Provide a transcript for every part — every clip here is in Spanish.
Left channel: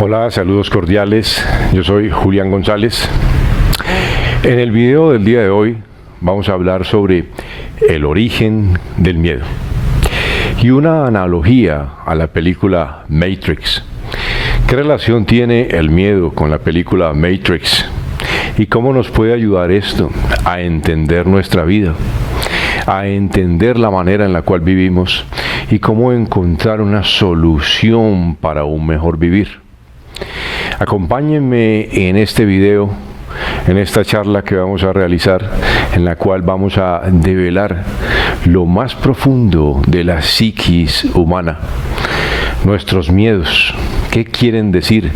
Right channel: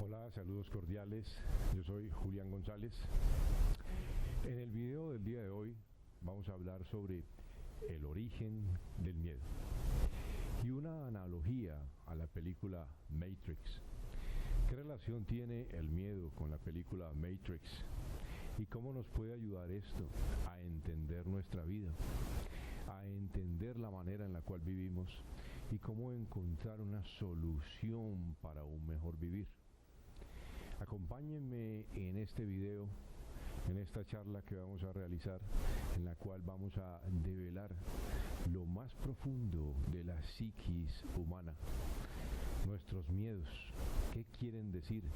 Hola, saludos cordiales. Yo soy Julián González. En el video del día de hoy vamos a hablar sobre el origen del miedo y una analogía a la película Matrix. ¿Qué relación tiene el miedo con la película Matrix? ¿Y cómo nos puede ayudar esto a entender nuestra vida, a entender la manera en la cual vivimos y cómo encontrar una solución para un mejor vivir? Acompáñenme en este video, en esta charla que vamos a realizar, en la cual vamos a develar lo más profundo de la psiquis humana, nuestros miedos, qué quieren decir,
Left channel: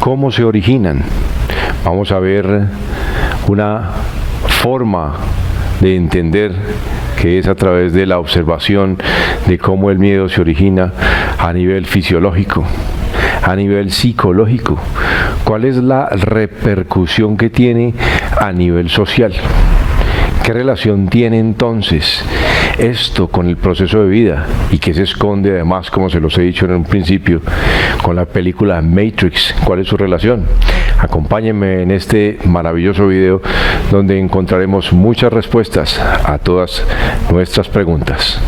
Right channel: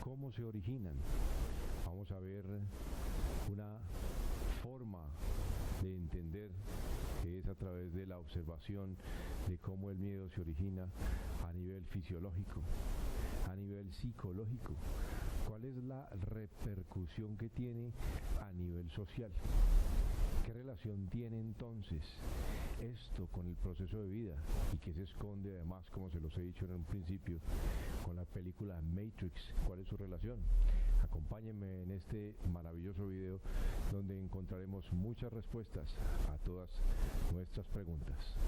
cómo se originan. Vamos a ver una forma de entender que es a través de la observación de cómo el miedo se origina a nivel fisiológico, a nivel psicológico, cuál es la repercusión que tiene a nivel social. ¿Qué relación tiene entonces esto con el proceso de vida y qué se esconde además, como se los he dicho en un principio, con la película Matrix? ¿Cuál es su relación? Acompáñenme en este maravilloso video donde encontraremos muchas respuestas a todas nuestras preguntas.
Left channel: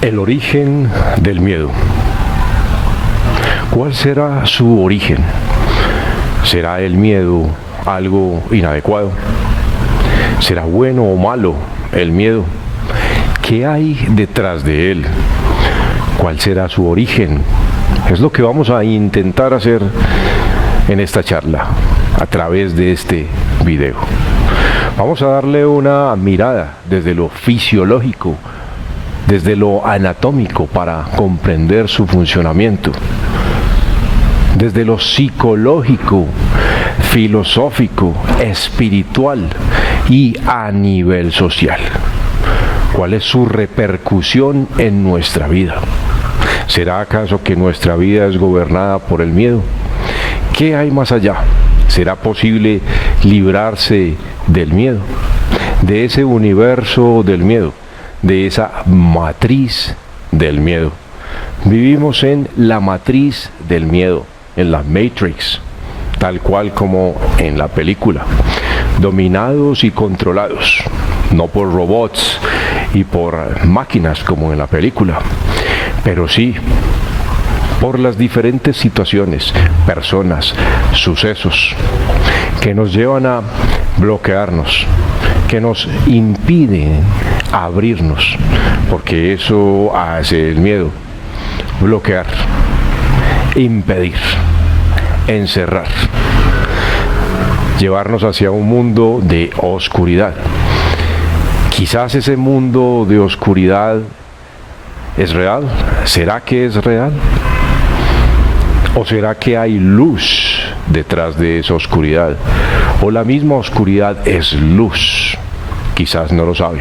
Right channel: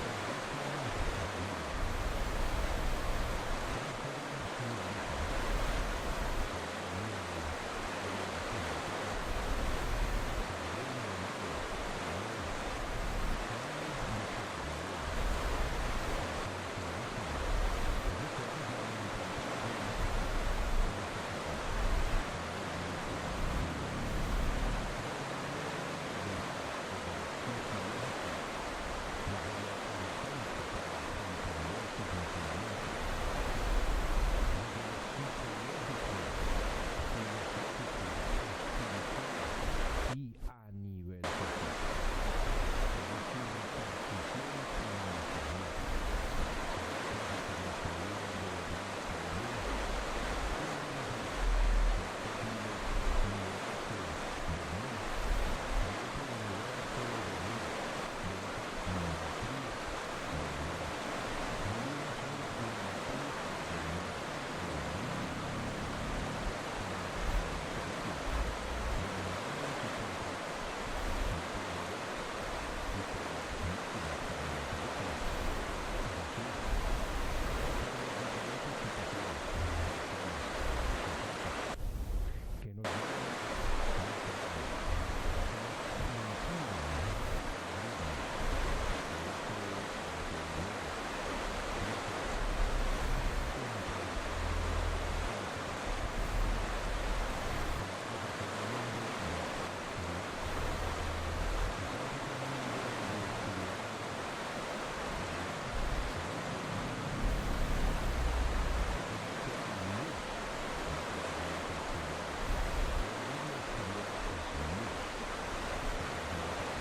El origen del miedo. ¿Cuál será su origen? ¿Será el miedo algo inadecuado? ¿Será bueno o malo el miedo? ¿Qué hay detrás de él? ¿Cuál será su origen? Es lo que vamos a intentar hacer en esta charla a través de este video. Vamos a darle una mirada desde lo fisiológico, desde lo anatómico para comprender su funcionamiento, desde lo psicológico, filosófico, espiritual y a nivel social. ¿Cuál es su repercusión en nuestra vida? ¿Será acaso que nuestra vida es gobernada por el miedo? ¿Qué hay más allá? ¿Será posible librarse del miedo, de ese universo del miedo, de esa matriz del miedo? Vivimos en la matriz del miedo, en la Matrix, tal cual como en la película, dominados y controlados, no por robots y por máquinas como en la película, pero sí por las diferentes situaciones, personas, sucesos que nos llevan a bloquearnos, que nos impiden abrirnos, porque eso hace el miedo: bloquear, impedir, encerrar, llevarnos hacia un mundo de oscuridad. Quizás ese mundo de oscuridad es real. ¿Será que es real? ¿O será que hay luz detrás de esa oscuridad? ¿O la misma oscuridad es luz? Quizás no lo sabe.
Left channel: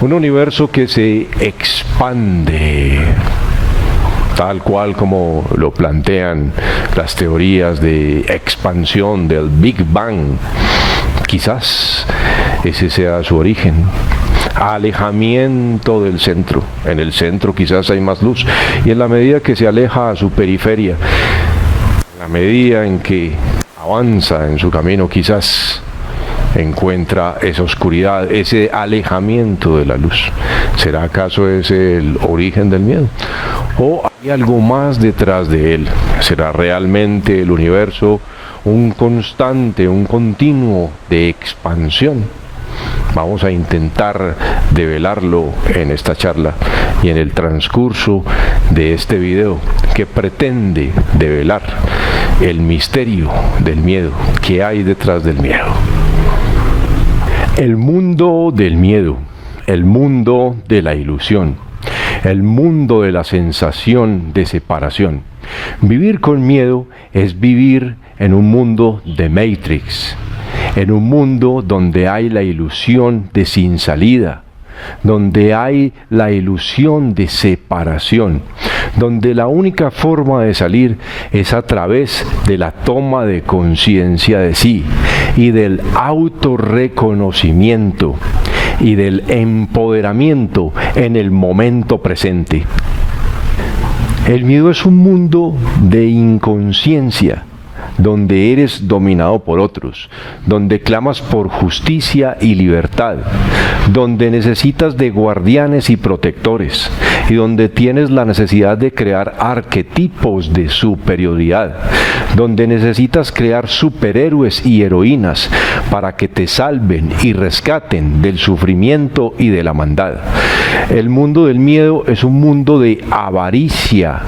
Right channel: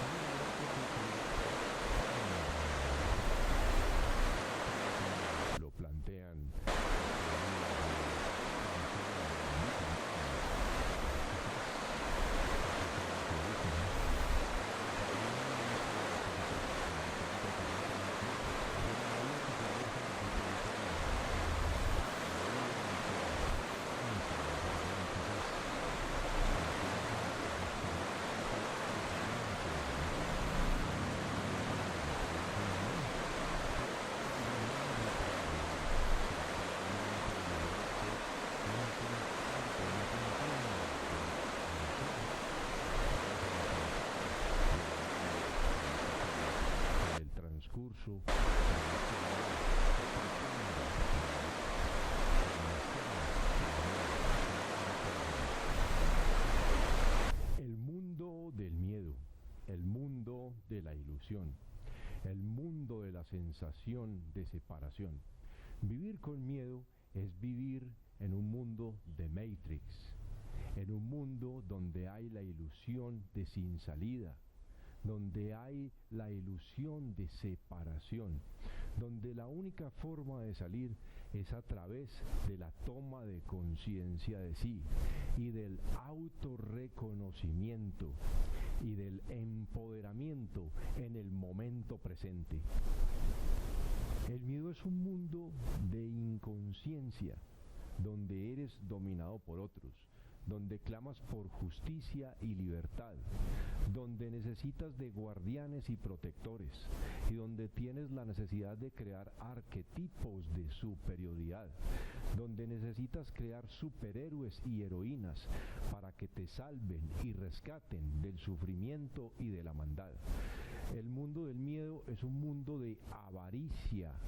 Un universo que se expande, tal cual como lo plantean las teorías de expansión del Big Bang. Quizás ese sea su origen. Alejamiento del centro. En el centro quizás hay más luz, y en la medida que se aleja a su periferia, en la medida en que avanza en su camino, quizás encuentra esa oscuridad, ese alejamiento de la luz. ¿Será acaso ese el origen del miedo? ¿O hay algo más detrás de él? ¿Será realmente el universo un constante, un continuo de expansión? Vamos a intentar develarlo en esta charla y en el transcurso de este video, que pretende develar el misterio del miedo, que hay detrás del miedo. El mundo del miedo, el mundo de la ilusión, el mundo de la sensación de separación. Vivir con miedo es vivir en un mundo de Matrix, en un mundo donde hay la ilusión de sin salida, donde hay la ilusión de separación, donde la única forma de salir es a través de la toma de conciencia de sí y del autorreconocimiento, y del empoderamiento en el momento presente. El miedo es un mundo de inconsciencia, donde eres dominado por otros, donde clamas por justicia y libertad, donde necesitas de guardianes y protectores, y donde tienes la necesidad de crear arquetipos de superioridad, donde necesitas crear superhéroes y heroínas para que te salven y rescaten del sufrimiento y de la maldad. El mundo del miedo es un mundo de avaricia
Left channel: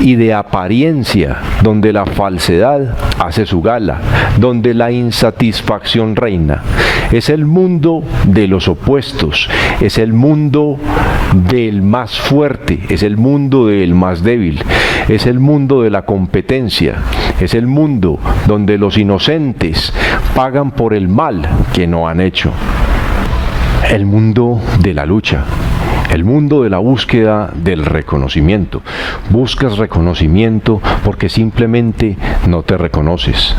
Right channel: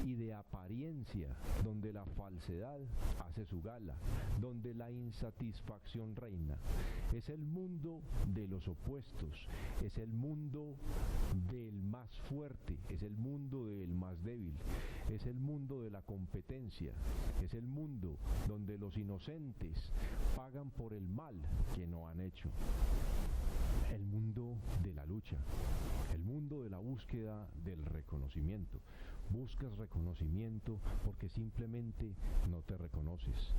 y de apariencia, donde la falsedad hace su gala, donde la insatisfacción reina. Es el mundo de los opuestos, es el mundo del más fuerte, es el mundo del más débil, es el mundo de la competencia, es el mundo donde los inocentes pagan por el mal que no han hecho. El mundo de la lucha. El mundo de la búsqueda del reconocimiento. Buscas reconocimiento porque simplemente no te reconoces.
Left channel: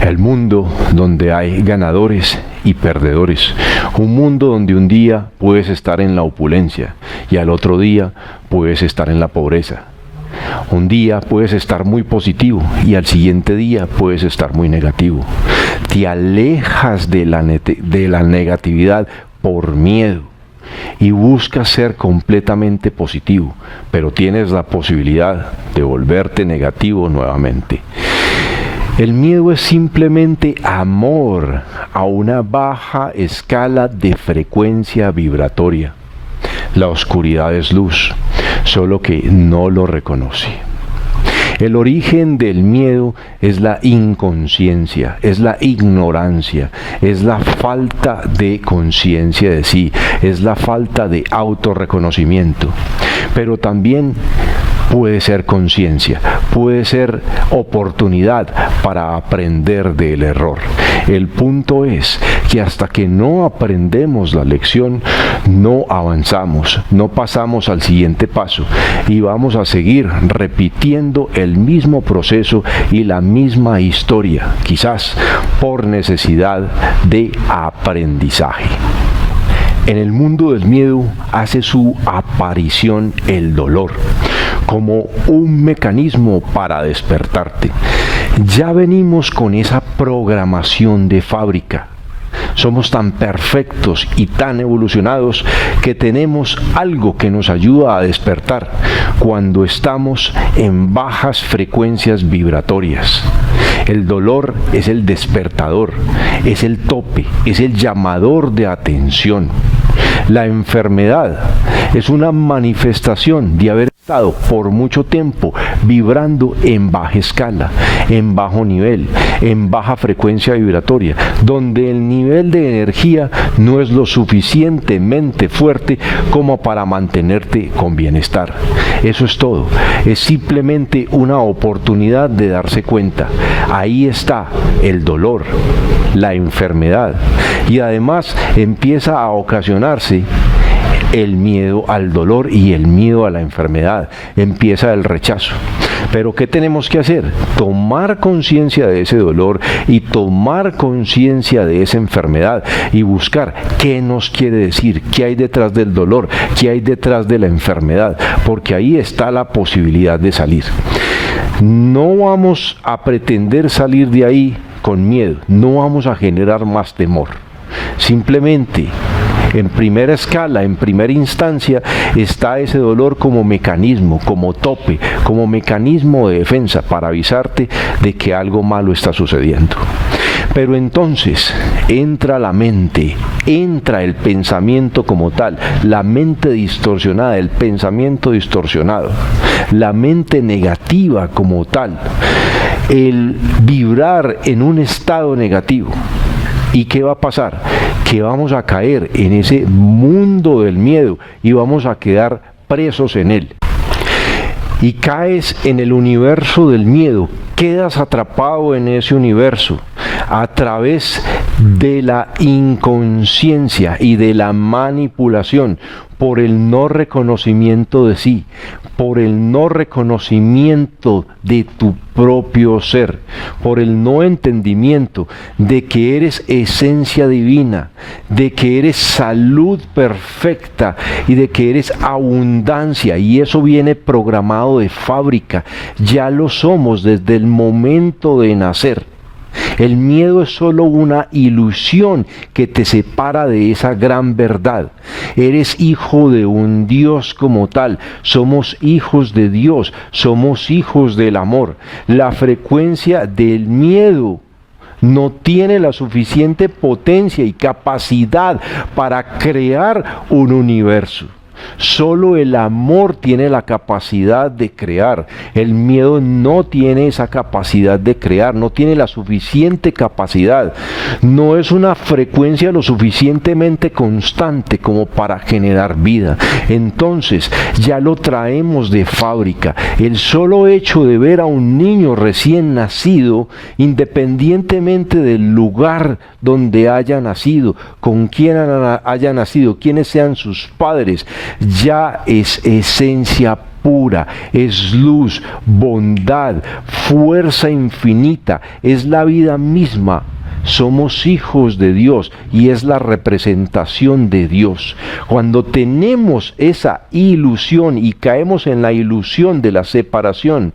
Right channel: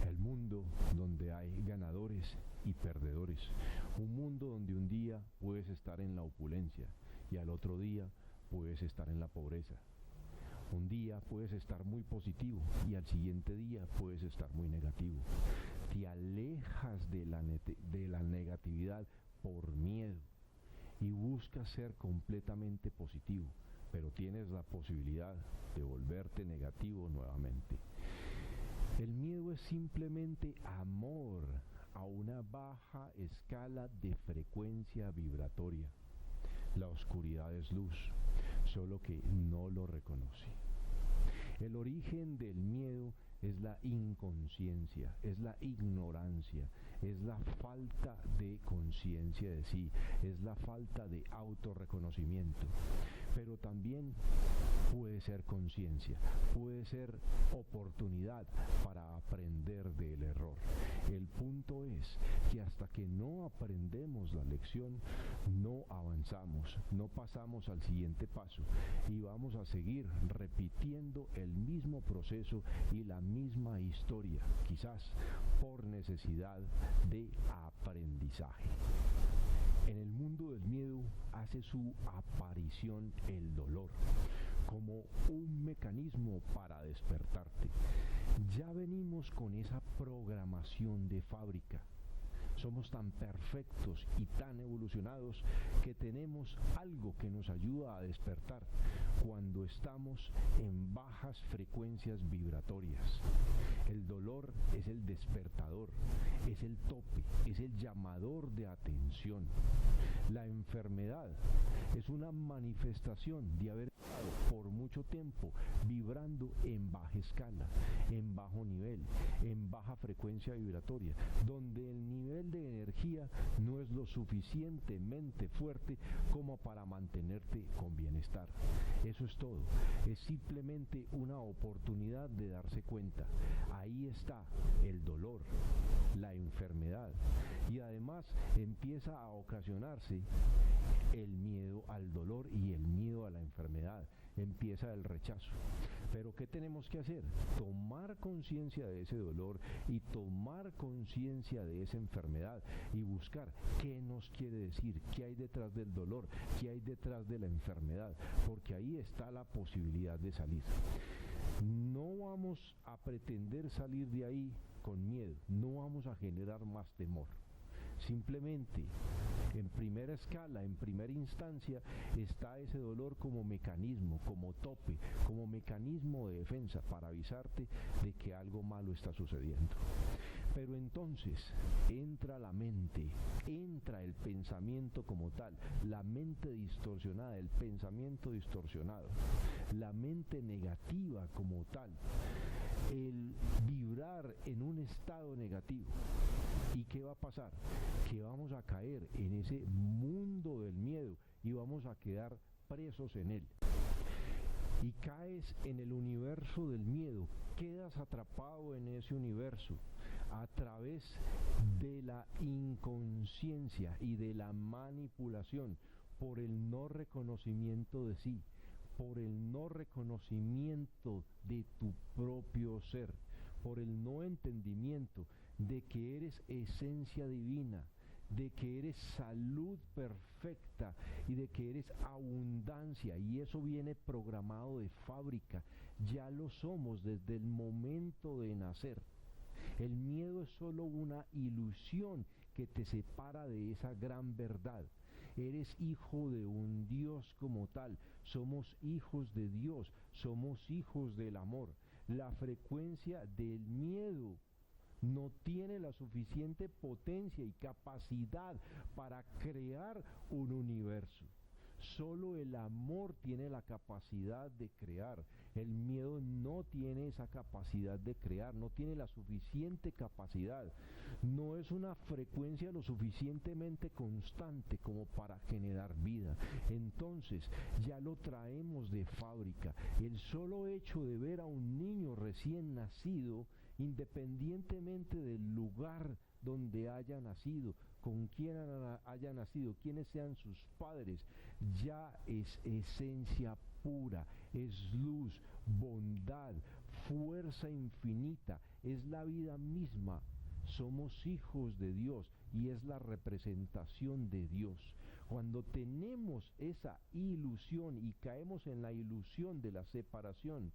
El mundo donde hay ganadores y perdedores. Un mundo donde un día puedes estar en la opulencia y al otro día puedes estar en la pobreza. Un día puedes estar muy positivo y al siguiente día puedes estar muy negativo. Te alejas de la negatividad por miedo y buscas ser completamente positivo, pero tienes la posibilidad de volverte negativo nuevamente. El miedo es simplemente amor a una baja escala de frecuencia vibratoria. La oscuridad es luz, solo que no lo reconoce. El origen del miedo es la inconsciencia, es la ignorancia, es la falta de conciencia de sí, es la falta de autorreconocimiento. Pero también puede ser conciencia, puede ser oportunidad para aprender del error. El punto es que hasta que no aprendemos la lección, no avanzamos, no pasamos al siguiente paso y vamos a seguir repitiendo el mismo proceso y la misma historia, quizás por necesidad de aprendizaje. En el mundo del miedo hace su aparición el dolor, como un mecanismo para despertarte. Ya venimos con esa programación de fábrica. Somos tan perfectos y tan evolucionados que tenemos algo que nos ayuda a despertar cuando estamos en bajas frecuencias vibratorias. El dolor es el despertador, es el tope, es el llamador de atención. La enfermedad es una manifestación de haber estado por mucho tiempo vibrando en baja escala, en bajo nivel, en baja frecuencia vibratoria, donde el nivel de energía no es lo suficientemente fuerte como para mantenerte con bienestar. Eso es todo. Es simplemente una oportunidad de darse cuenta. Ahí está el dolor, la enfermedad, y además empieza a ocasionarse el miedo al dolor y el miedo a la enfermedad. Empieza el rechazo. Pero ¿qué tenemos que hacer? Tomar conciencia de ese dolor y tomar conciencia de esa enfermedad y buscar qué nos quiere decir, qué hay detrás del dolor, qué hay detrás de la enfermedad, porque ahí está la posibilidad de salir. No vamos a pretender salir de ahí con miedo, no vamos a generar más temor. Simplemente, en primera escala, en primera instancia, está ese dolor como mecanismo, como tope, como mecanismo de defensa para avisarte de que algo malo está sucediendo. Pero entonces entra la mente, entra el pensamiento como tal, la mente distorsionada, el pensamiento distorsionado, la mente negativa como tal, el vibrar en un estado negativo. ¿Y qué va a pasar? Que vamos a caer en ese mundo del miedo y vamos a quedar presos en él. Y caes en el universo del miedo, quedas atrapado en ese universo a través de la inconsciencia y de la manipulación por el no reconocimiento de sí, por el no reconocimiento de tu propio ser, por el no entendimiento de que eres esencia divina, de que eres salud perfecta y de que eres abundancia, y eso viene programado de fábrica, ya lo somos desde el momento de nacer. El miedo es solo una ilusión que te separa de esa gran verdad. Eres hijo de un Dios como tal. Somos hijos de Dios. Somos hijos del amor. La frecuencia del miedo no tiene la suficiente potencia y capacidad para crear un universo. Solo el amor tiene la capacidad de crear. El miedo no tiene esa capacidad de crear, no tiene la suficiente capacidad. No es una frecuencia lo suficientemente constante como para generar vida. Entonces, ya lo traemos de fábrica. El solo hecho de ver a un niño recién nacido, independientemente del lugar donde haya nacido, con quién haya nacido, quiénes sean sus padres, ya es esencia pura, es luz, bondad, fuerza infinita, es la vida misma. Somos hijos de Dios y es la representación de Dios. Cuando tenemos esa ilusión y caemos en la ilusión de la separación,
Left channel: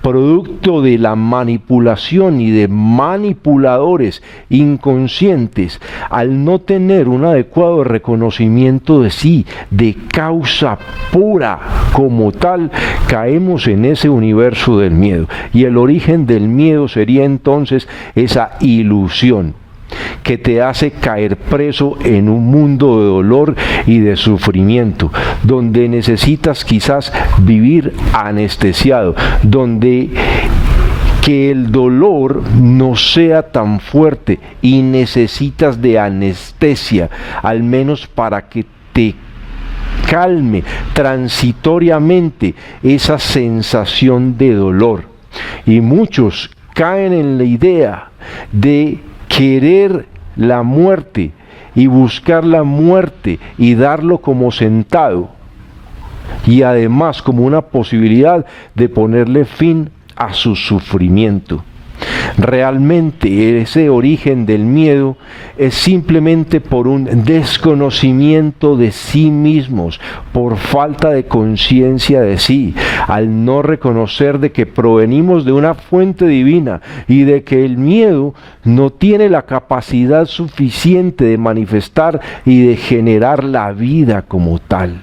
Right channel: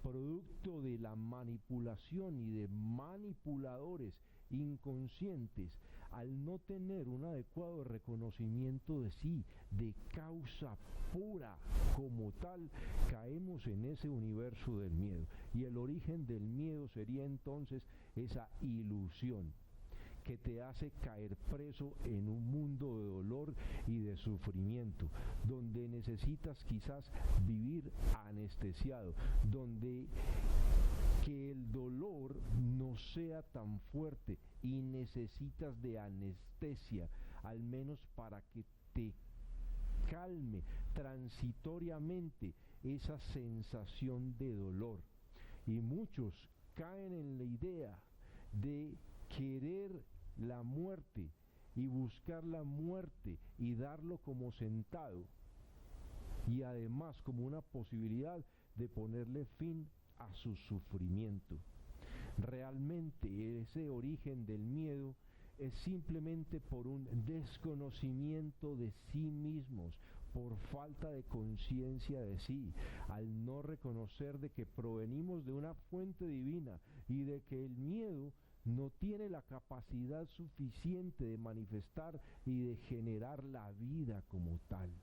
producto de la manipulación y de manipuladores inconscientes, al no tener un adecuado reconocimiento de sí, de causa pura como tal, caemos en ese universo del miedo. Y el origen del miedo sería entonces esa ilusión que te hace caer preso en un mundo de dolor y de sufrimiento, donde necesitas quizás vivir anestesiado, donde que el dolor no sea tan fuerte y necesitas de anestesia, al menos para que te calme transitoriamente esa sensación de dolor. Y muchos caen en la idea de querer la muerte y buscar la muerte y darlo como sentado, y además como una posibilidad de ponerle fin a su sufrimiento. Realmente ese origen del miedo es simplemente por un desconocimiento de sí mismos, por falta de conciencia de sí, al no reconocer de que provenimos de una fuente divina y de que el miedo no tiene la capacidad suficiente de manifestar y de generar la vida como tal.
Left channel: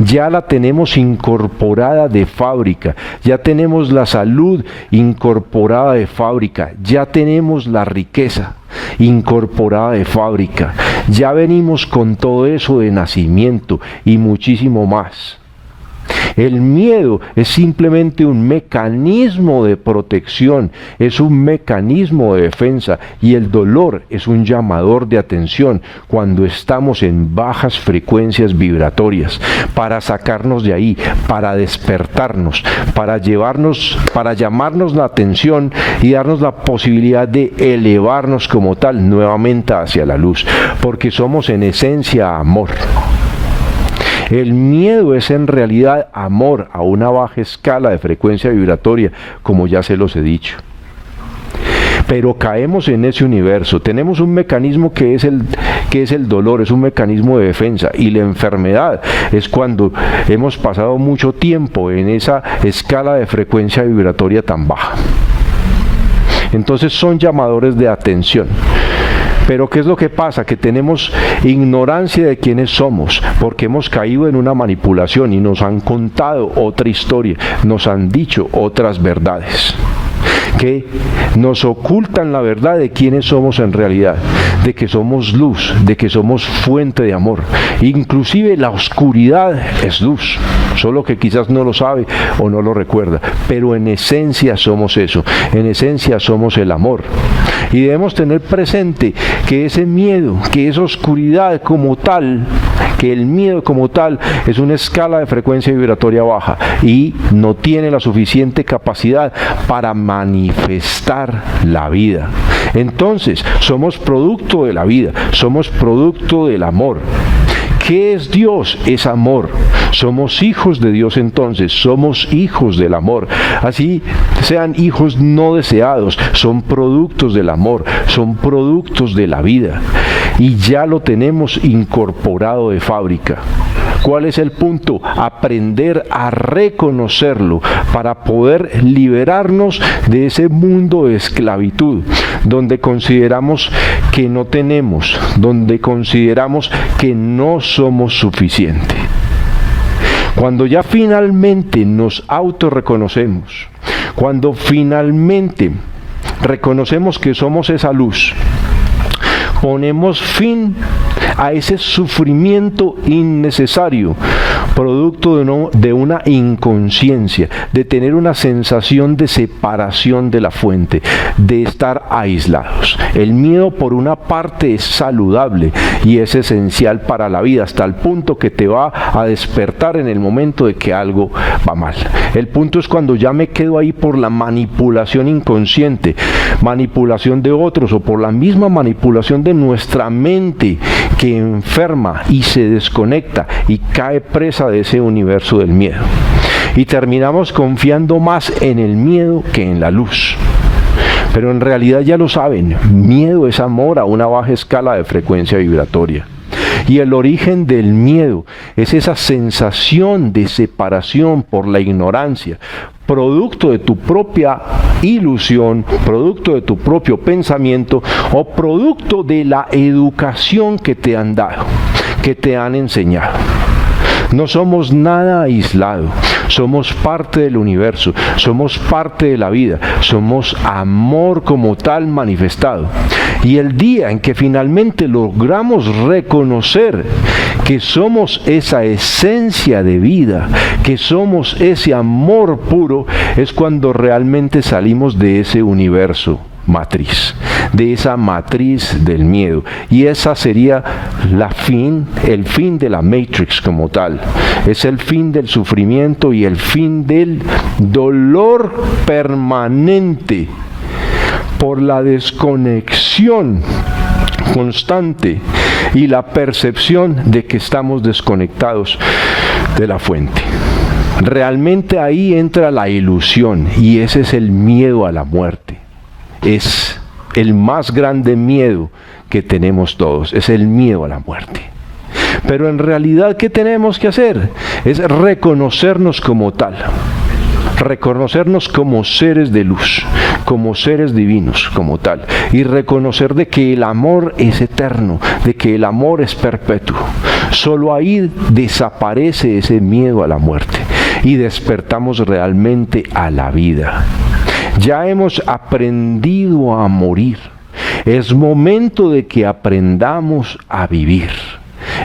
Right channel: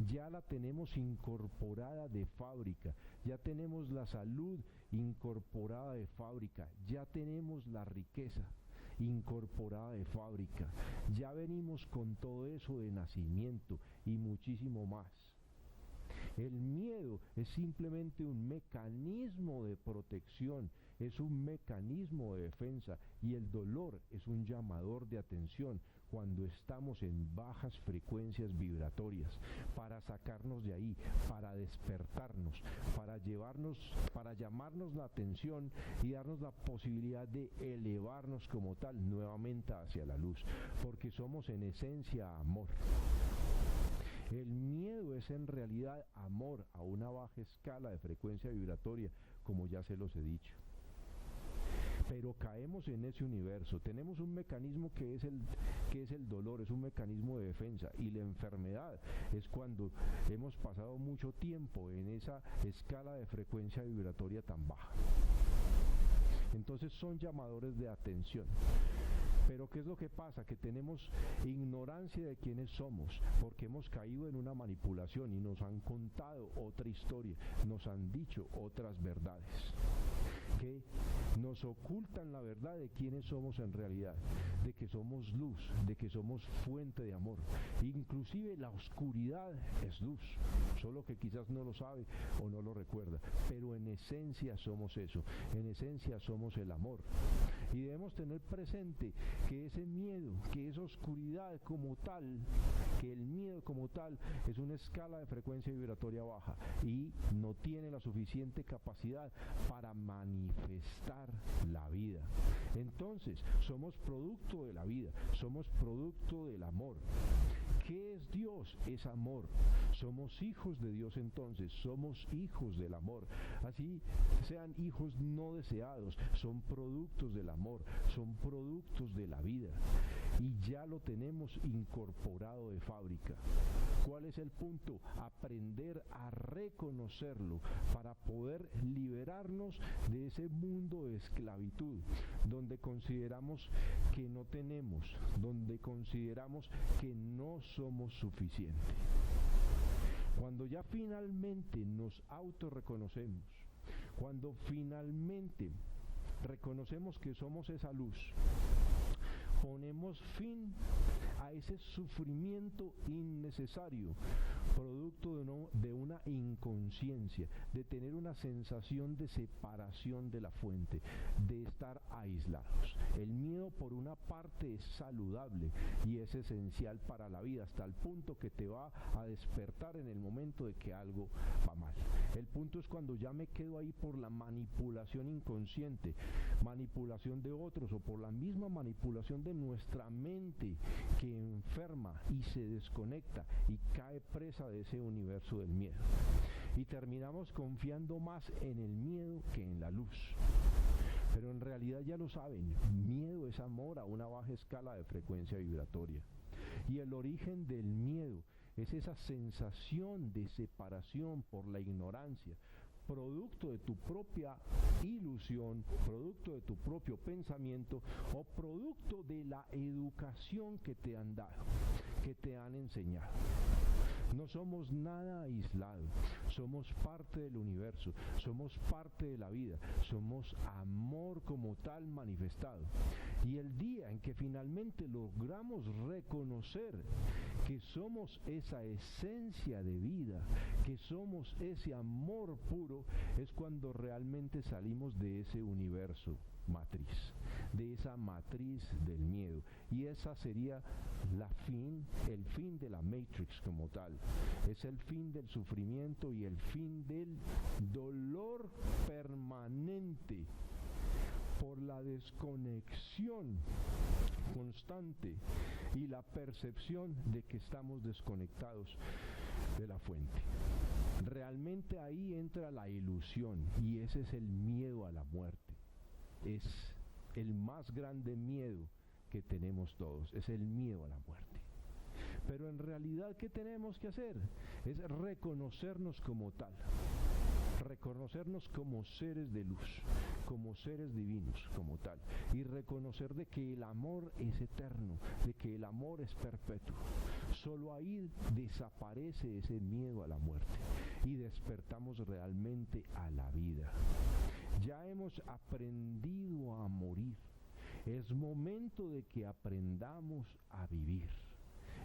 Ya la tenemos incorporada de fábrica, ya tenemos la salud incorporada de fábrica, ya tenemos la riqueza incorporada de fábrica, ya venimos con todo eso de nacimiento y muchísimo más. El miedo es simplemente un mecanismo de protección, es un mecanismo de defensa, y el dolor es un llamador de atención cuando estamos en bajas frecuencias vibratorias, para sacarnos de ahí, para despertarnos, para llamarnos la atención y darnos la posibilidad de elevarnos como tal nuevamente hacia la luz, porque somos en esencia amor. El miedo es en realidad amor a una baja escala de frecuencia vibratoria, como ya se los he dicho. Pero caemos en ese universo, tenemos un mecanismo que es el dolor, es un mecanismo de defensa, y la enfermedad es cuando hemos pasado mucho tiempo en esa escala de frecuencia vibratoria tan baja. Entonces son llamadores de atención. Pero ¿qué es lo que pasa? Que tenemos ignorancia de quiénes somos, porque hemos caído en una manipulación y nos han contado otra historia, nos han dicho otras verdades, que nos ocultan la verdad de quiénes somos en realidad, de que somos luz, de que somos fuente de amor. Inclusive la oscuridad es luz, solo que quizás no lo sabe o no lo recuerda, pero en esencia somos eso, en esencia somos el amor. Y debemos tener presente que ese miedo, que esa oscuridad como tal, que el miedo como tal es una escala de frecuencia vibratoria baja y no tiene la suficiente capacidad para manifestar la vida. Entonces, somos producto de la vida, somos producto del amor, ¿Qué es Dios? Es amor. Somos hijos de Dios entonces, somos hijos del amor. Así sean hijos no deseados, son productos del amor, son productos de la vida. Y ya lo tenemos incorporado de fábrica. ¿Cuál es el punto? Aprender a reconocerlo para poder liberarnos de ese mundo de esclavitud, donde consideramos que no tenemos, donde consideramos que no somos suficientes. Cuando ya finalmente nos autorreconocemos, cuando finalmente reconocemos que somos esa luz, ponemos fin a ese sufrimiento innecesario, producto de una inconsciencia, de tener una sensación de separación de la fuente, de estar aislados. El miedo, por una parte, es saludable y es esencial para la vida, hasta el punto que te va a despertar en el momento de que algo va mal. El punto es cuando ya me quedo ahí por la manipulación inconsciente, manipulación de otros o por la misma manipulación de nuestra mente, que enferma y se desconecta y cae presa de ese universo del miedo. Y terminamos confiando más en el miedo que en la luz. Pero en realidad ya lo saben, miedo es amor a una baja escala de frecuencia vibratoria. Y el origen del miedo es esa sensación de separación por la ignorancia, producto de tu propia ilusión, producto de tu propio pensamiento o producto de la educación que te han dado, que te han enseñado. No somos nada aislado, somos parte del universo, somos parte de la vida, somos amor como tal manifestado. Y el día en que finalmente logramos reconocer que somos esa esencia de vida, que somos ese amor puro, es cuando realmente salimos de ese universo matriz, de esa matriz del miedo, y esa sería el fin de la Matrix como tal. Es el fin del sufrimiento y el fin del dolor permanente por la desconexión constante y la percepción de que estamos desconectados de la fuente. Realmente ahí entra la ilusión y ese es el miedo a la muerte. Es el más grande miedo que tenemos todos, es el miedo a la muerte. Pero en realidad, ¿qué tenemos que hacer? Es reconocernos como tal, reconocernos como seres de luz, como seres divinos, como tal, y reconocer de que el amor es eterno, de que el amor es perpetuo. Solo ahí desaparece ese miedo a la muerte y despertamos realmente a la vida. Ya hemos aprendido a morir. Es momento de que aprendamos a vivir.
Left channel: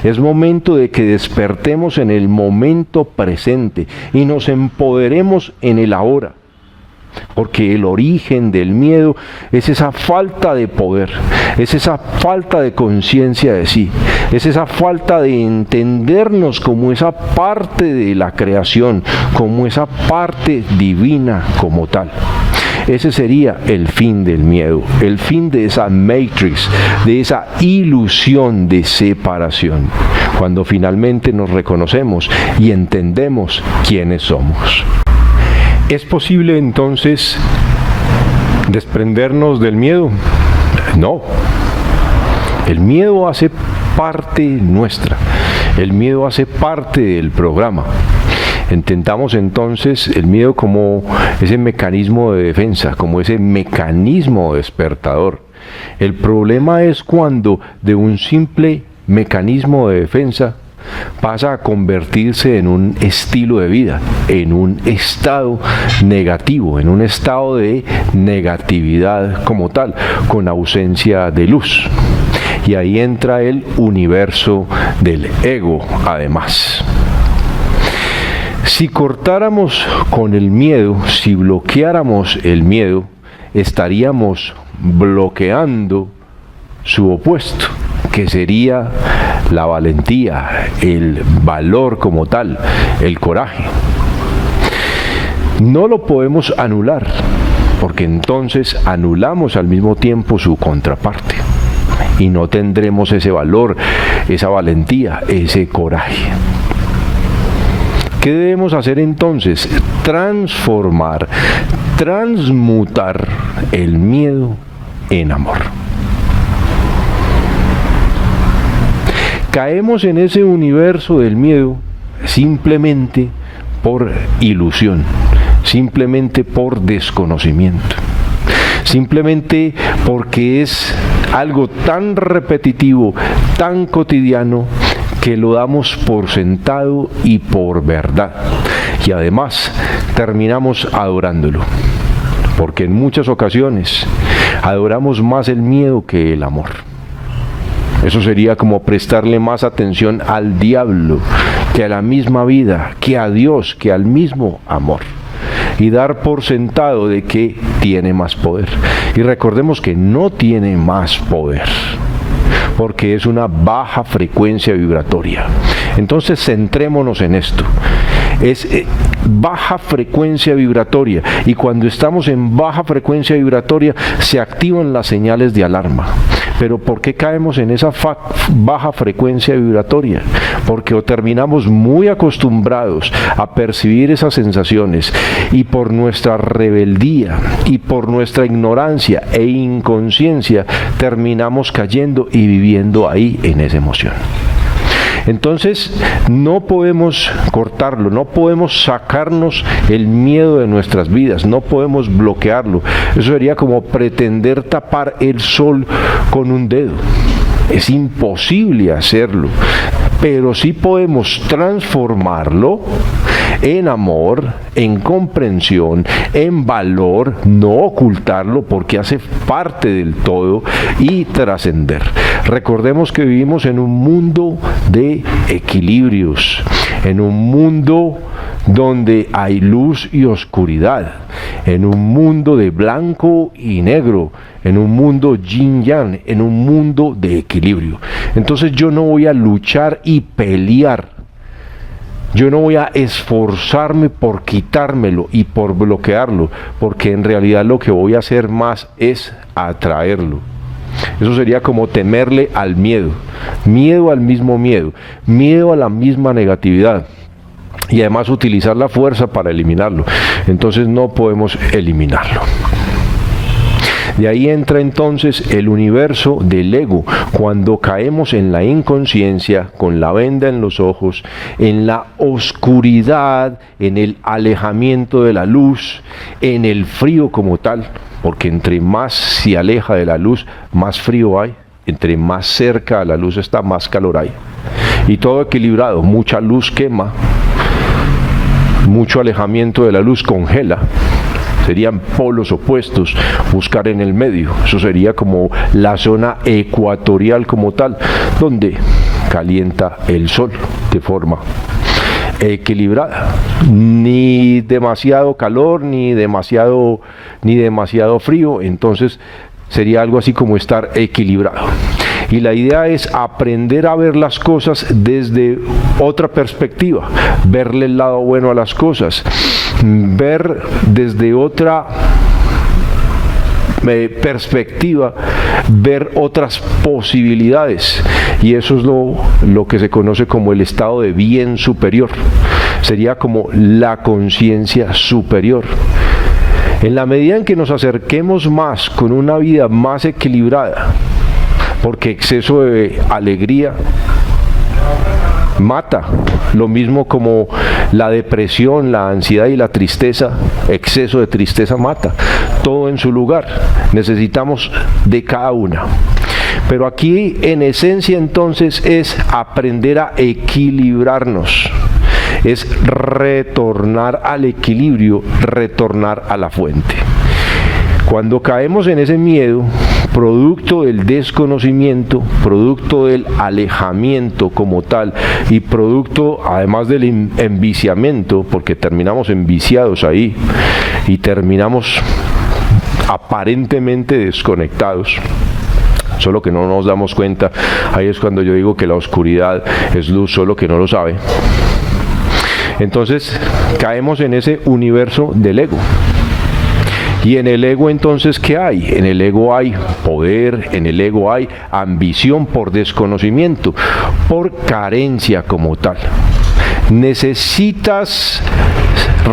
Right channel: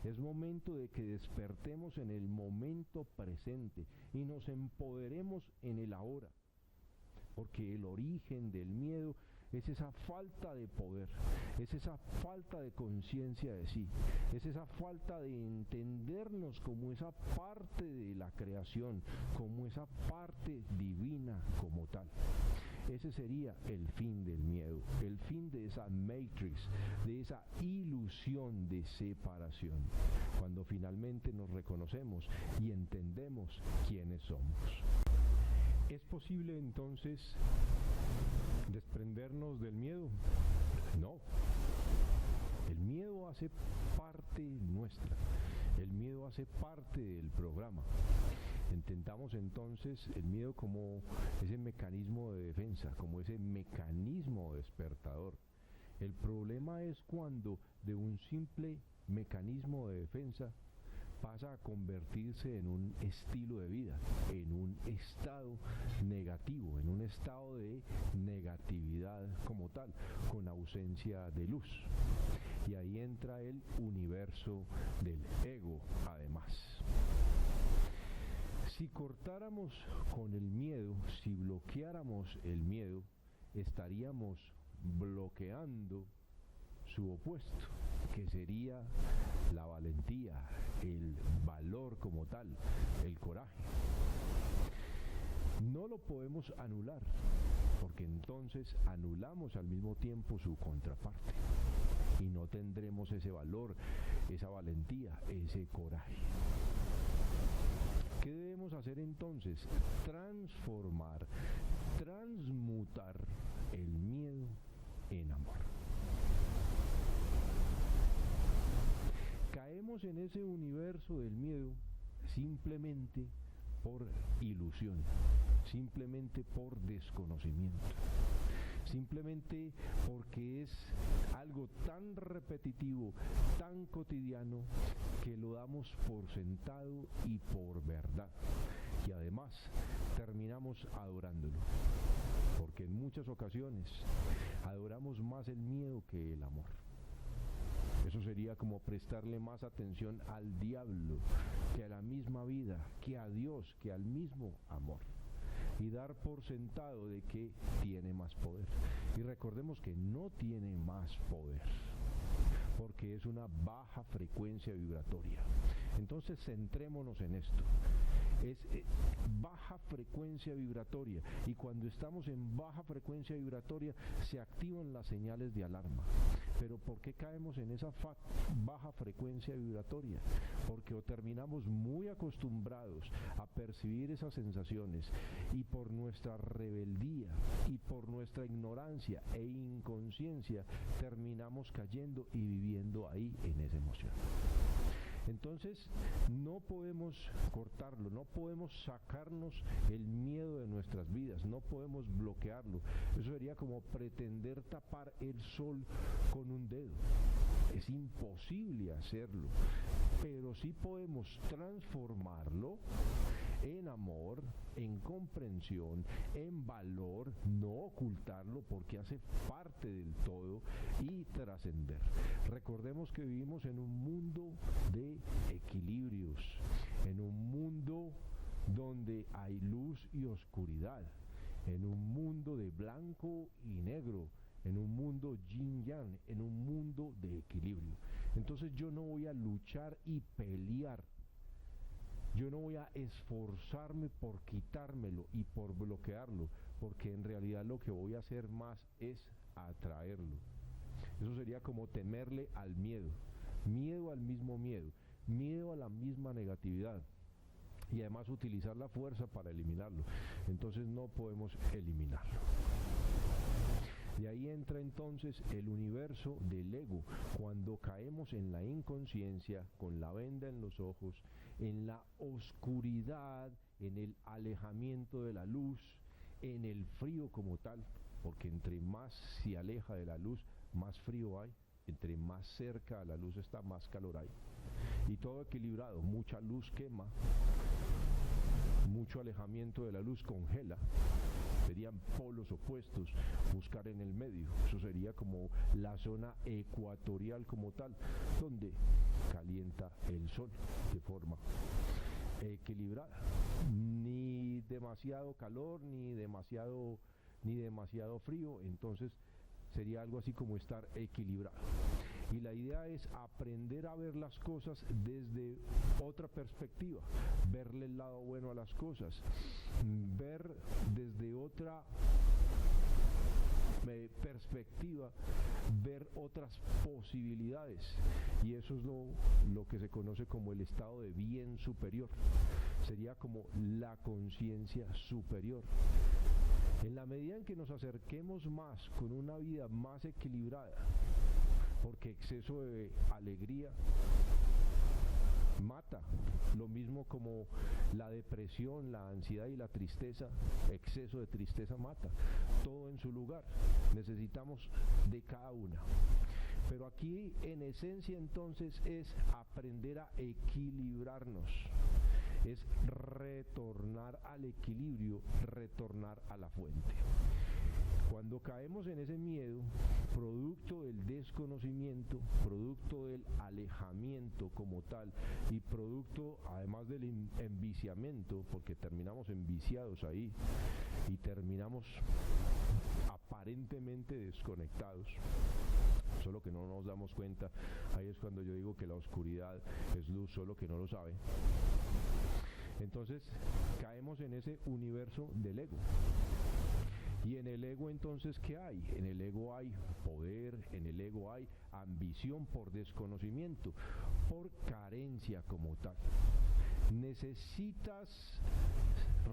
Es momento de que despertemos en el momento presente y nos empoderemos en el ahora. Porque el origen del miedo es esa falta de poder, es esa falta de conciencia de sí, es esa falta de entendernos como esa parte de la creación, como esa parte divina como tal. Ese sería el fin del miedo, el fin de esa matrix, de esa ilusión de separación, cuando finalmente nos reconocemos y entendemos quiénes somos. ¿Es posible entonces desprendernos del miedo? No. El miedo hace parte nuestra, el miedo hace parte del programa. Entendamos entonces el miedo como ese mecanismo de defensa, como ese mecanismo despertador. El problema es cuando de un simple mecanismo de defensa pasa a convertirse en un estilo de vida, en un estado negativo, en un estado de negatividad como tal, con ausencia de luz. Y ahí entra el universo del ego, además. Si cortáramos con el miedo, si bloqueáramos el miedo, estaríamos bloqueando su opuesto, que sería la valentía, el valor como tal, el coraje. No lo podemos anular, porque entonces anulamos al mismo tiempo su contraparte. y no tendremos ese valor, esa valentía, ese coraje. ¿Qué debemos hacer entonces? Transformar, transmutar el miedo en amor. Caemos en ese universo del miedo simplemente por ilusión, simplemente por desconocimiento, simplemente porque es algo tan repetitivo, tan cotidiano, que lo damos por sentado y por verdad. Y además terminamos adorándolo, porque en muchas ocasiones adoramos más el miedo que el amor. Eso sería como prestarle más atención al diablo que a la misma vida, que a Dios, que al mismo amor. Y dar por sentado de que tiene más poder. Y recordemos que no tiene más poder, porque es una baja frecuencia vibratoria. Entonces centrémonos en esto. Es baja frecuencia vibratoria, y cuando estamos en baja frecuencia vibratoria se activan las señales de alarma. Pero ¿por qué caemos en esa baja frecuencia vibratoria? Porque o terminamos muy acostumbrados a percibir esas sensaciones, y por nuestra rebeldía y por nuestra ignorancia e inconsciencia terminamos cayendo y viviendo ahí en esa emoción. Entonces no podemos cortarlo, no podemos sacarnos el miedo de nuestras vidas, no podemos bloquearlo. Eso sería como pretender tapar el sol con un dedo. Es imposible hacerlo, pero sí podemos transformarlo en amor, en comprensión, en valor, no ocultarlo porque hace parte del todo, y trascender. Recordemos que vivimos en un mundo de equilibrios, en un mundo donde hay luz y oscuridad, en un mundo de blanco y negro, en un mundo yin-yang, en un mundo de equilibrio. Entonces yo no voy a luchar y pelear, yo no voy a esforzarme por quitármelo y por bloquearlo, porque en realidad lo que voy a hacer más es atraerlo. Eso sería como temerle al miedo, miedo al mismo miedo, miedo a la misma negatividad, y además utilizar la fuerza para eliminarlo. Entonces no podemos eliminarlo. De ahí entra entonces el universo del ego, cuando caemos en la inconsciencia, con la venda en los ojos, en la oscuridad, en el alejamiento de la luz, en el frío como tal, porque entre más se aleja de la luz, más frío hay, entre más cerca a la luz está, más calor hay. Y todo equilibrado, mucha luz quema, mucho alejamiento de la luz congela. Serían polos opuestos, buscar en el medio. Eso sería como la zona ecuatorial como tal, donde calienta el sol de forma equilibrada. Ni demasiado calor, ni demasiado frío. Entonces sería algo así como estar equilibrado. Y la idea es aprender a ver las cosas desde otra perspectiva, verle el lado bueno a las cosas, ver desde otra perspectiva, ver otras posibilidades. Y eso es lo que se conoce como el estado de bien superior. Sería como la conciencia superior. En la medida en que nos acerquemos más con una vida más equilibrada, porque exceso de alegría mata, lo mismo como la depresión, la ansiedad y la tristeza, exceso de tristeza mata, todo en su lugar, necesitamos de cada una. Pero aquí en esencia entonces es aprender a equilibrarnos, es retornar al equilibrio, retornar a la fuente. Cuando caemos en ese miedo, producto del desconocimiento, producto del alejamiento como tal, y producto además del enviciamiento, porque terminamos enviciados ahí y terminamos aparentemente desconectados, solo que no nos damos cuenta. Ahí es cuando yo digo que la oscuridad es luz, solo que no lo sabe. Entonces caemos en ese universo del ego. Y en el ego entonces, ¿qué hay? En el ego hay poder, en el ego hay ambición por desconocimiento, por carencia como tal. Necesitas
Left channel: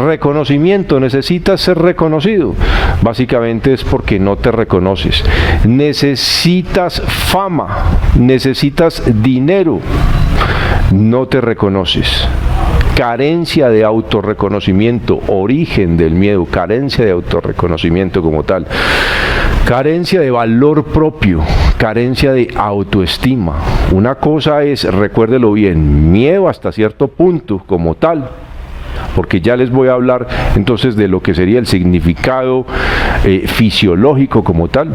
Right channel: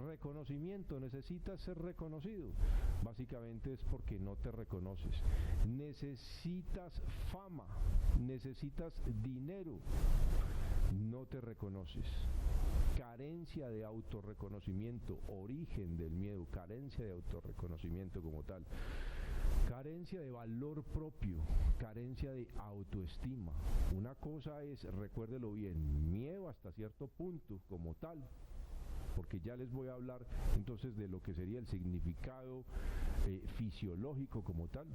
reconocimiento, necesitas ser reconocido. Básicamente es porque no te reconoces. Necesitas fama, necesitas dinero, no te reconoces. Carencia de autorreconocimiento, origen del miedo, carencia de autorreconocimiento como tal. Carencia de valor propio, carencia de autoestima. Una cosa es, recuérdelo bien, miedo hasta cierto punto como tal, porque ya les voy a hablar entonces de lo que sería el significado fisiológico como tal.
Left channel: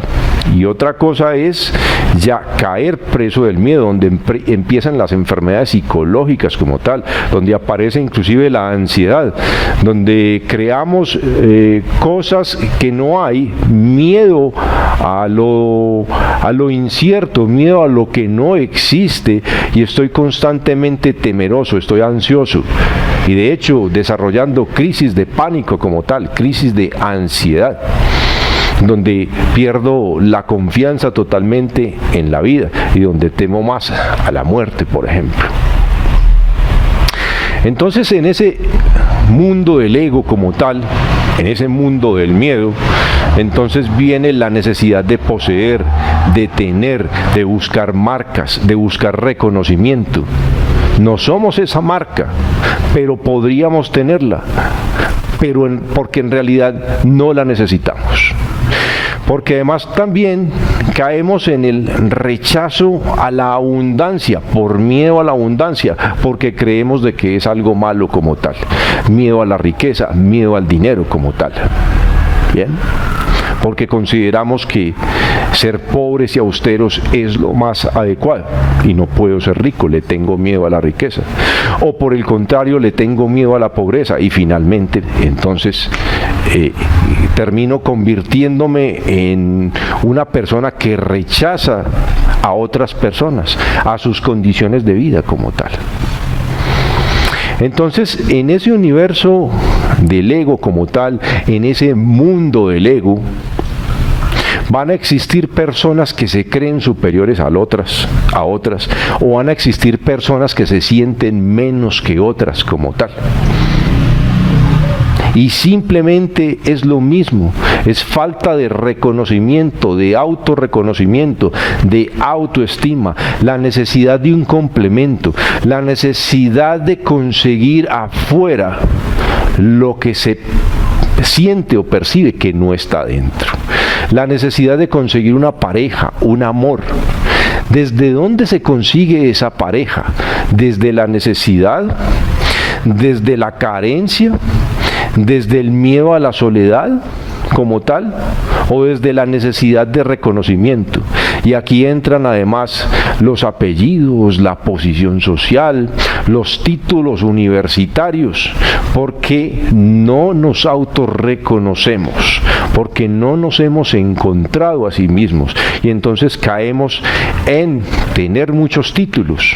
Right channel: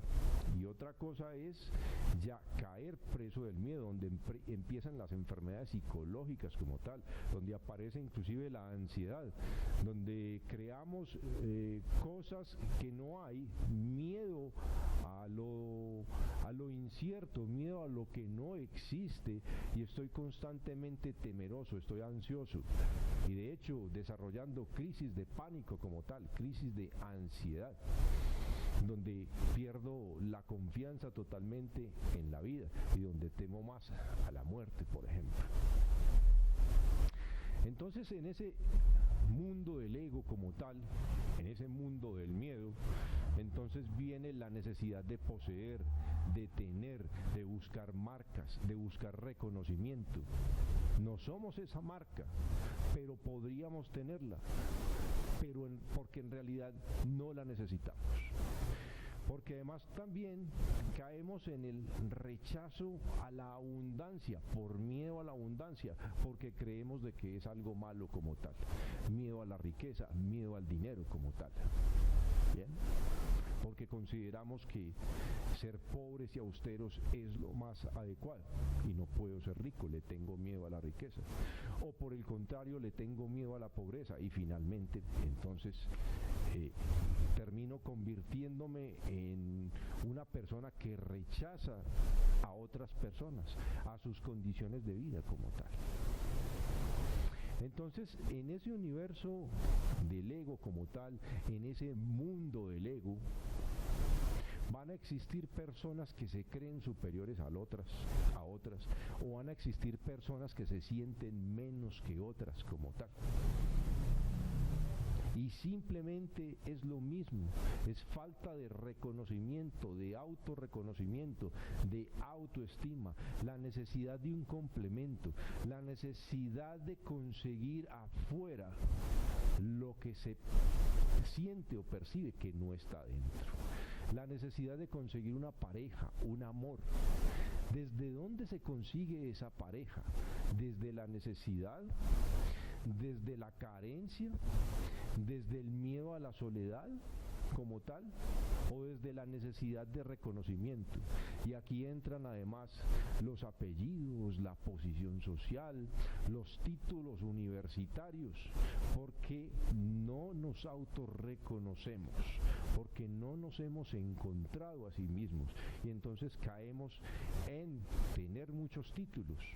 Y otra cosa es ya caer preso del miedo, donde empiezan las enfermedades psicológicas como tal, donde aparece inclusive la ansiedad, donde creamos cosas que no hay, miedo a lo incierto, miedo a lo que no existe, y estoy constantemente temeroso, estoy ansioso. Y de hecho desarrollando crisis de pánico como tal, crisis de ansiedad, donde pierdo la confianza totalmente en la vida y donde temo más a la muerte, por ejemplo. Entonces, en ese mundo del ego como tal, en ese mundo del miedo, entonces viene la necesidad de poseer, de tener, de buscar marcas, de buscar reconocimiento. No somos esa marca, pero podríamos tenerla, porque en realidad no la necesitamos. Porque además también caemos en el rechazo a la abundancia, por miedo a la abundancia, porque creemos de que es algo malo como tal. Miedo a la riqueza, miedo al dinero como tal. ¿Bien? Porque consideramos que ser pobres y austeros es lo más adecuado y no puedo ser rico, le tengo miedo a la riqueza, o por el contrario le tengo miedo a la pobreza y finalmente entonces termino convirtiéndome en una persona que rechaza a otras personas, a sus condiciones de vida como tal. Entonces, en ese universo del ego como tal, en ese mundo del ego, van a existir personas que se creen superiores a otras, o van a existir personas que se sienten menos que otras como tal. Y simplemente es lo mismo, es falta de reconocimiento, de autorreconocimiento, de autoestima, la necesidad de un complemento, la necesidad de conseguir afuera lo que se siente o percibe que no está dentro. La necesidad de conseguir una pareja, un amor. ¿Desde dónde se consigue esa pareja? ¿Desde la necesidad? ¿Desde la carencia? ¿Desde el miedo a la soledad como tal? ¿O desde la necesidad de reconocimiento? Y aquí entran además los apellidos, la posición social, los títulos universitarios, porque no nos autorreconocemos, porque no nos hemos encontrado a sí mismos y entonces caemos en tener muchos títulos.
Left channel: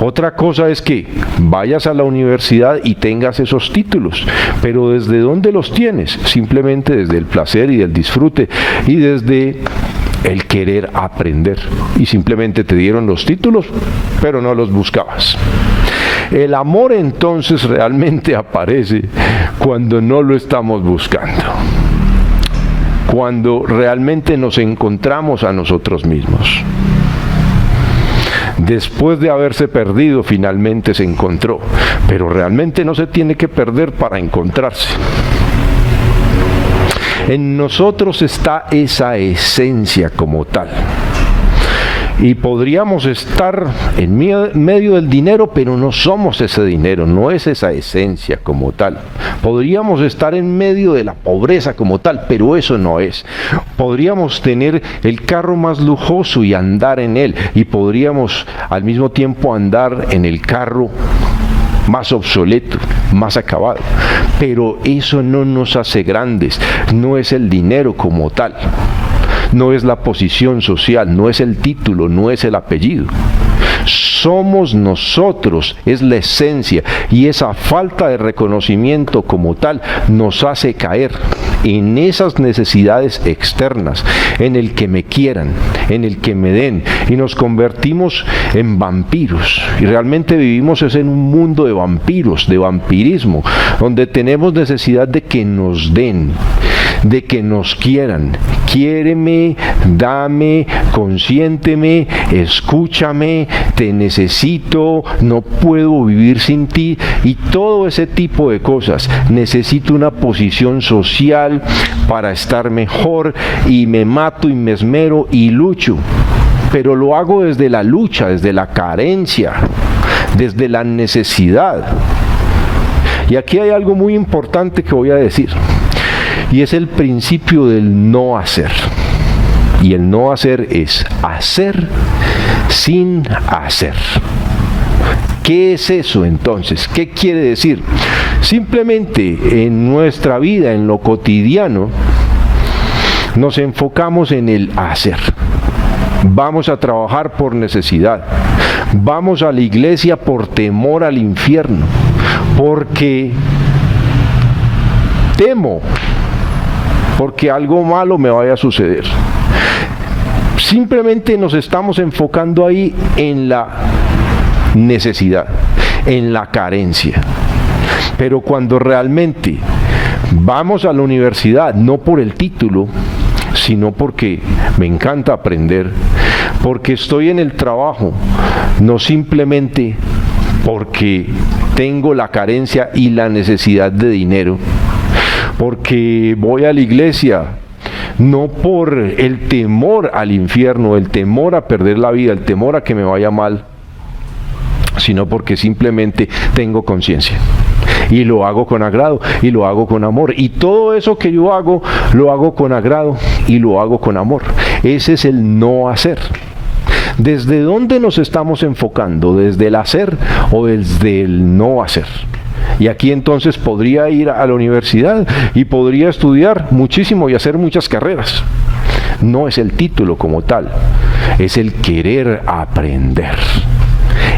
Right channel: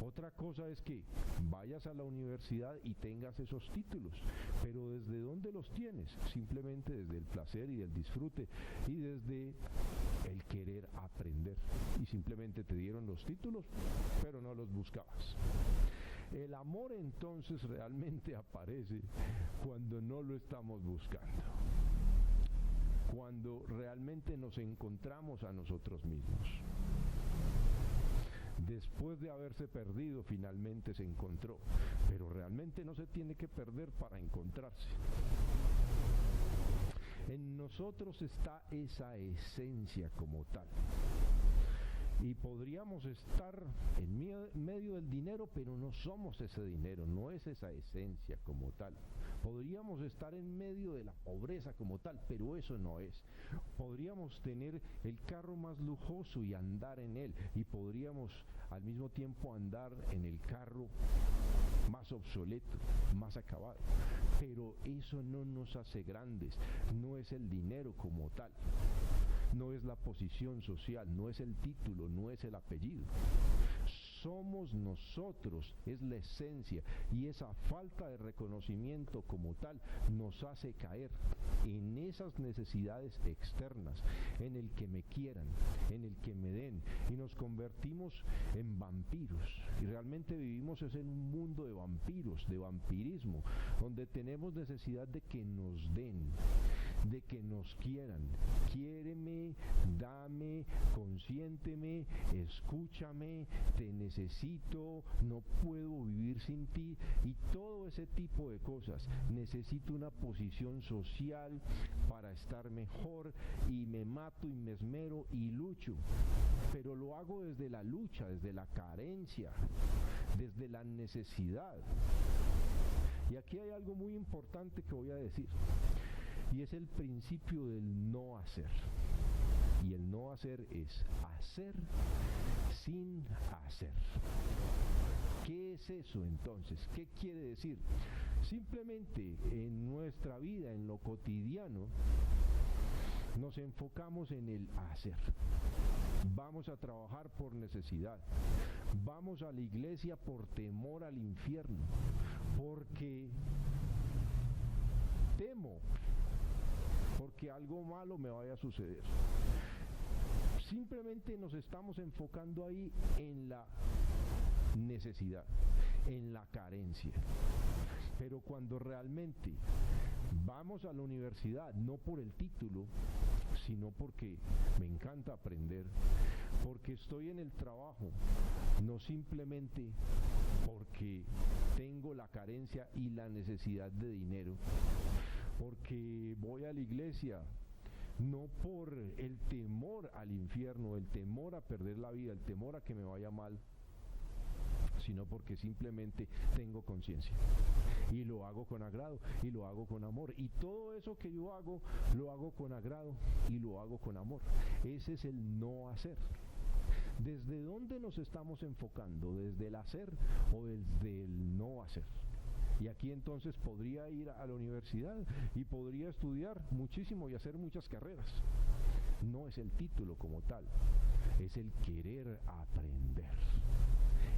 Otra cosa es que vayas a la universidad y tengas esos títulos, pero ¿desde dónde los tienes? Simplemente desde el placer y del disfrute y desde el querer aprender. Y simplemente te dieron los títulos, pero no los buscabas. El amor entonces realmente aparece cuando no lo estamos buscando, cuando realmente nos encontramos a nosotros mismos. Después de haberse perdido, finalmente se encontró, pero realmente no se tiene que perder para encontrarse. En nosotros está esa esencia como tal. Y podríamos estar en medio del dinero, pero no somos ese dinero, no es esa esencia como tal. Podríamos estar en medio de la pobreza como tal, pero eso no es. Podríamos tener el carro más lujoso y andar en él, y podríamos al mismo tiempo andar en el carro más obsoleto, más acabado. Pero eso no nos hace grandes, no es el dinero como tal. No es la posición social, no es el título, no es el apellido. Somos nosotros, es la esencia, y esa falta de reconocimiento como tal nos hace caer en esas necesidades externas, en el que me quieran, en el que me den, y nos convertimos en vampiros. Y realmente vivimos es en un mundo de vampiros, de vampirismo, donde tenemos necesidad de que nos den, de que nos quieran. Quiéreme, dame, consiénteme, escúchame, te necesito, no puedo vivir sin ti, y todo ese tipo de cosas. Necesito una posición social para estar mejor, y me mato y me esmero y lucho, pero lo hago desde la lucha, desde la carencia, desde la necesidad. Y aquí hay algo muy importante que voy a decir, y es el principio del no hacer. Y el no hacer es hacer sin hacer. ¿Qué es eso entonces? ¿Qué quiere decir? Simplemente en nuestra vida, en lo cotidiano, nos enfocamos en el hacer. Vamos a trabajar por necesidad. Vamos a la iglesia por temor al infierno. Porque temo, porque algo malo me vaya a suceder. Simplemente nos estamos enfocando ahí en la necesidad, en la carencia. Pero cuando realmente vamos a la universidad, no por el título, sino porque me encanta aprender, porque estoy en el trabajo, no simplemente porque tengo la carencia y la necesidad de dinero, porque voy a la iglesia, no por el temor al infierno, el temor a perder la vida, el temor a que me vaya mal, sino porque simplemente tengo conciencia. Y lo hago con agrado, y lo hago con amor. Y todo eso que yo hago, lo hago con agrado, y lo hago con amor. Ese es el no hacer. ¿Desde dónde nos estamos enfocando? ¿Desde el hacer o desde el no hacer? Y aquí entonces podría ir a la universidad y podría estudiar muchísimo y hacer muchas carreras. No es el título como tal, es el querer aprender.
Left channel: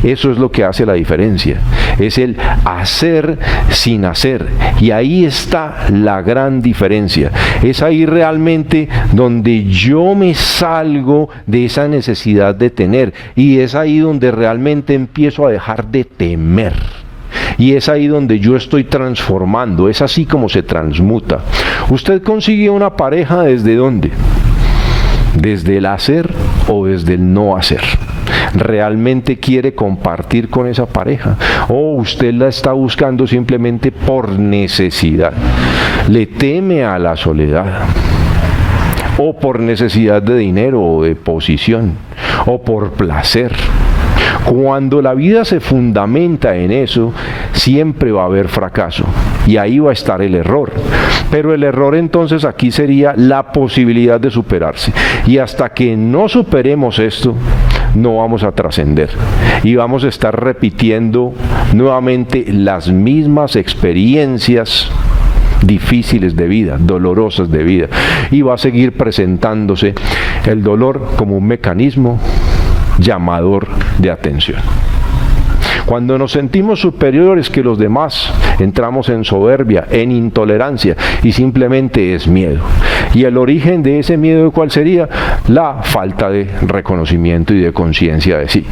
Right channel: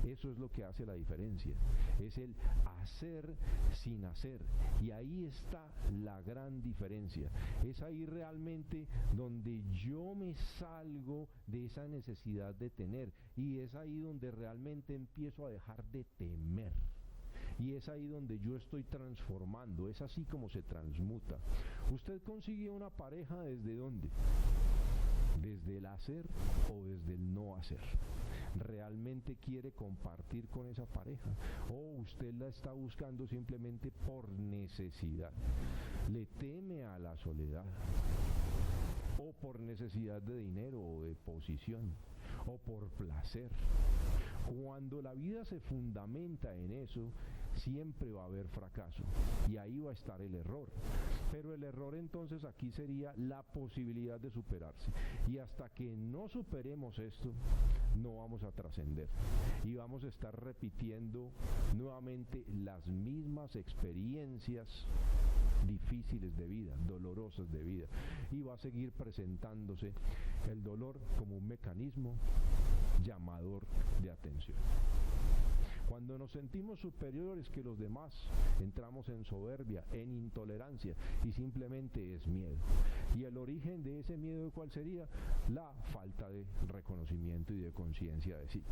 Eso es lo que hace la diferencia, es el hacer sin hacer, y ahí está la gran diferencia. Es ahí realmente donde yo me salgo de esa necesidad de tener, y es ahí donde realmente empiezo a dejar de temer. Y es ahí donde yo estoy transformando, es así como se transmuta. ¿Usted consigue una pareja desde dónde? ¿Desde el hacer o desde el no hacer? ¿Realmente quiere compartir con esa pareja? ¿O usted la está buscando simplemente por necesidad? ¿Le teme a la soledad? ¿O por necesidad de dinero o de posición? ¿O por placer? Cuando la vida se fundamenta en eso, siempre va a haber fracaso, y ahí va a estar el error. Pero el error entonces aquí sería la posibilidad de superarse, y hasta que no superemos esto, no vamos a trascender, y vamos a estar repitiendo nuevamente las mismas experiencias difíciles de vida, dolorosas de vida, y va a seguir presentándose el dolor como un mecanismo llamador de atención. Cuando nos sentimos superiores que los demás, entramos en soberbia, en intolerancia, y simplemente es miedo. Y el origen de ese miedo, ¿cuál sería? La falta de reconocimiento y de conciencia de sí.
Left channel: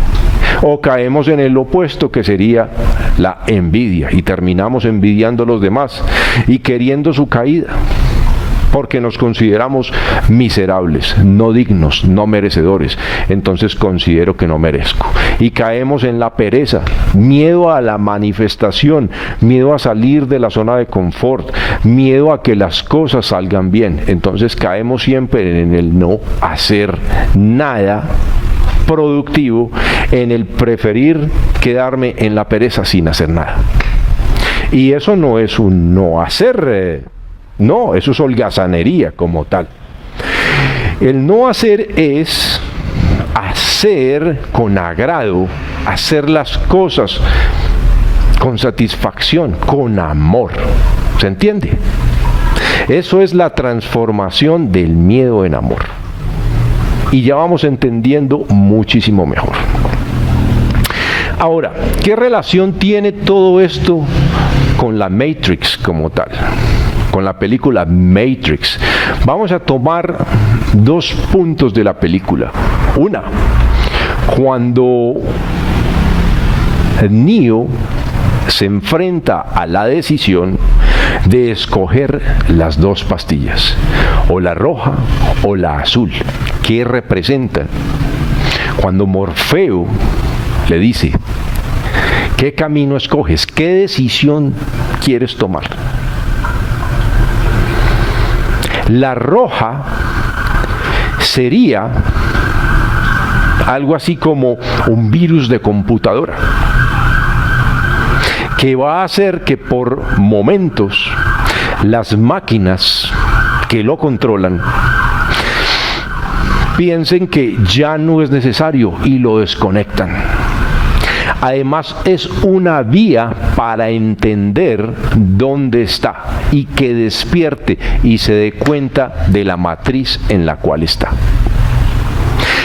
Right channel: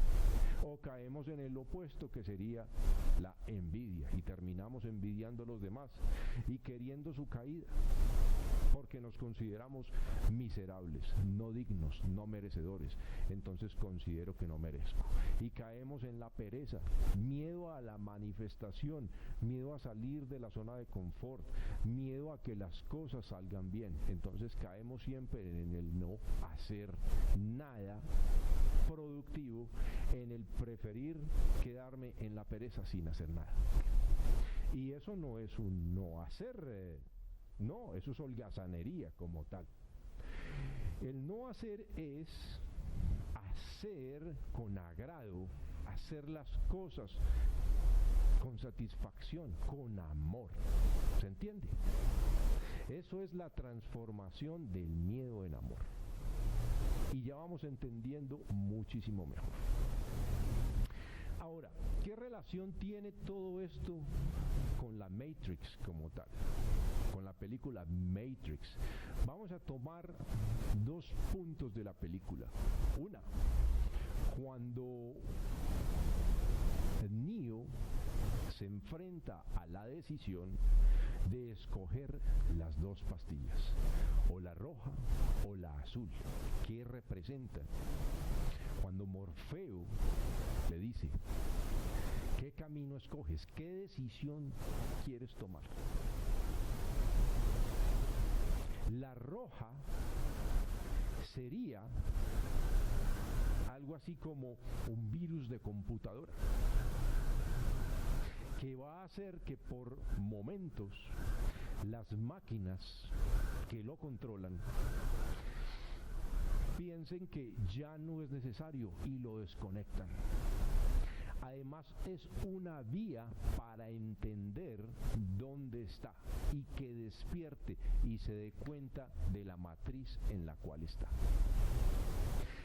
O caemos en el opuesto, que sería la envidia, y terminamos envidiando a los demás y queriendo su caída, porque nos consideramos miserables, no dignos, no merecedores. Entonces considero que no merezco. Y caemos en la pereza, miedo a la manifestación, miedo a salir de la zona de confort, miedo a que las cosas salgan bien. Entonces caemos siempre en el no hacer nada productivo, en el preferir quedarme en la pereza sin hacer nada. Y eso no es un no hacer. No, eso es holgazanería como tal. El no hacer es hacer con agrado, hacer las cosas con satisfacción, con amor. ¿Se entiende? Eso es la transformación del miedo en amor. Y ya vamos entendiendo muchísimo mejor. Ahora, ¿qué relación tiene todo esto con la Matrix como tal? con la película Matrix. Vamos a tomar 2 puntos de la película. Una, cuando Neo se enfrenta a la decisión de escoger las 2 pastillas, o la roja o la azul. ¿Qué representan? Cuando Morfeo le dice, ¿qué camino escoges? ¿Qué decisión quieres tomar? La roja sería algo así como un virus de computadora, que va a hacer que por momentos las máquinas que lo controlan piensen que ya no es necesario y lo desconectan. Además, es una vía para entender dónde está y que despierte y se dé cuenta de la matriz en la cual está.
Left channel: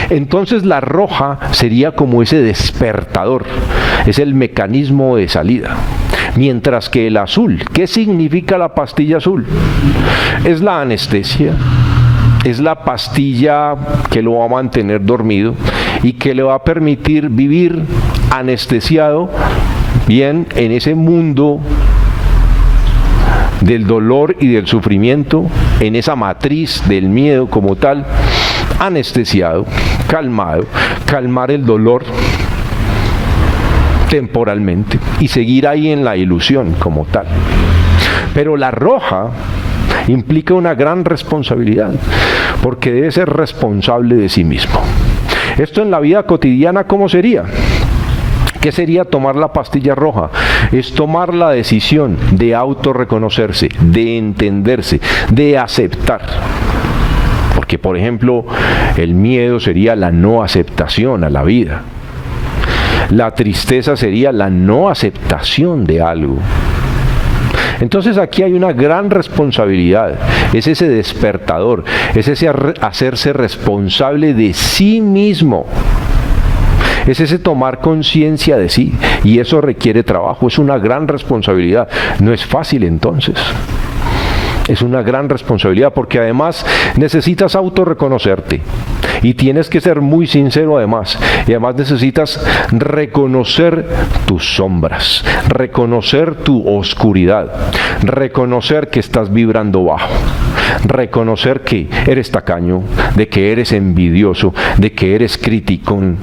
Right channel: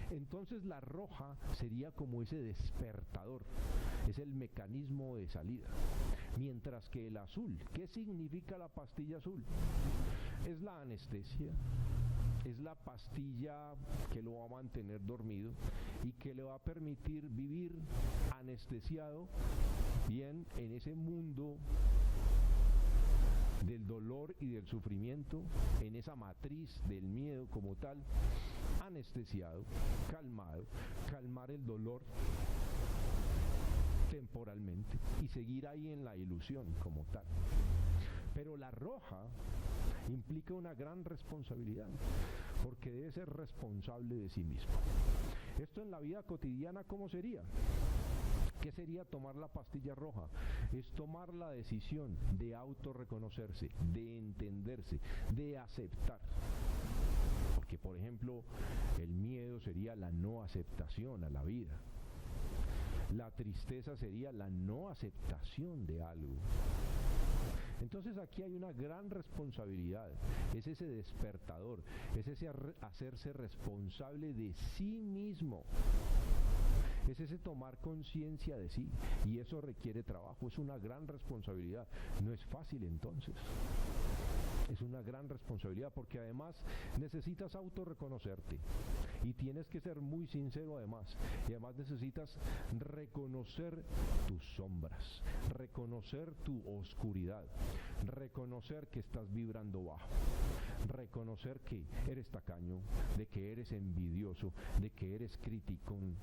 Entonces la roja sería como ese despertador, es el mecanismo de salida. Mientras que el azul, ¿qué significa la pastilla azul? Es la anestesia, es la pastilla que lo va a mantener dormido y que le va a permitir vivir anestesiado, bien, en ese mundo del dolor y del sufrimiento, en esa matriz del miedo como tal, anestesiado, calmado, calmar el dolor temporalmente y seguir ahí en la ilusión como tal. Pero la roja implica una gran responsabilidad, porque debe ser responsable de sí mismo. Esto en la vida cotidiana, ¿cómo sería? ¿Qué sería tomar la pastilla roja? Es tomar la decisión de autorreconocerse, de entenderse, de aceptar. Porque, por ejemplo, el miedo sería la no aceptación a la vida. La tristeza sería la no aceptación de algo. Entonces aquí hay una gran responsabilidad, es ese despertador, es ese hacerse responsable de sí mismo. Es ese tomar conciencia de sí, y eso requiere trabajo, es una gran responsabilidad. No es fácil entonces. Es una gran responsabilidad porque además necesitas autorreconocerte y tienes que ser muy sincero además. Y además necesitas reconocer tus sombras, reconocer tu oscuridad, reconocer que estás vibrando bajo, reconocer que eres tacaño, de que eres envidioso, de que eres criticón,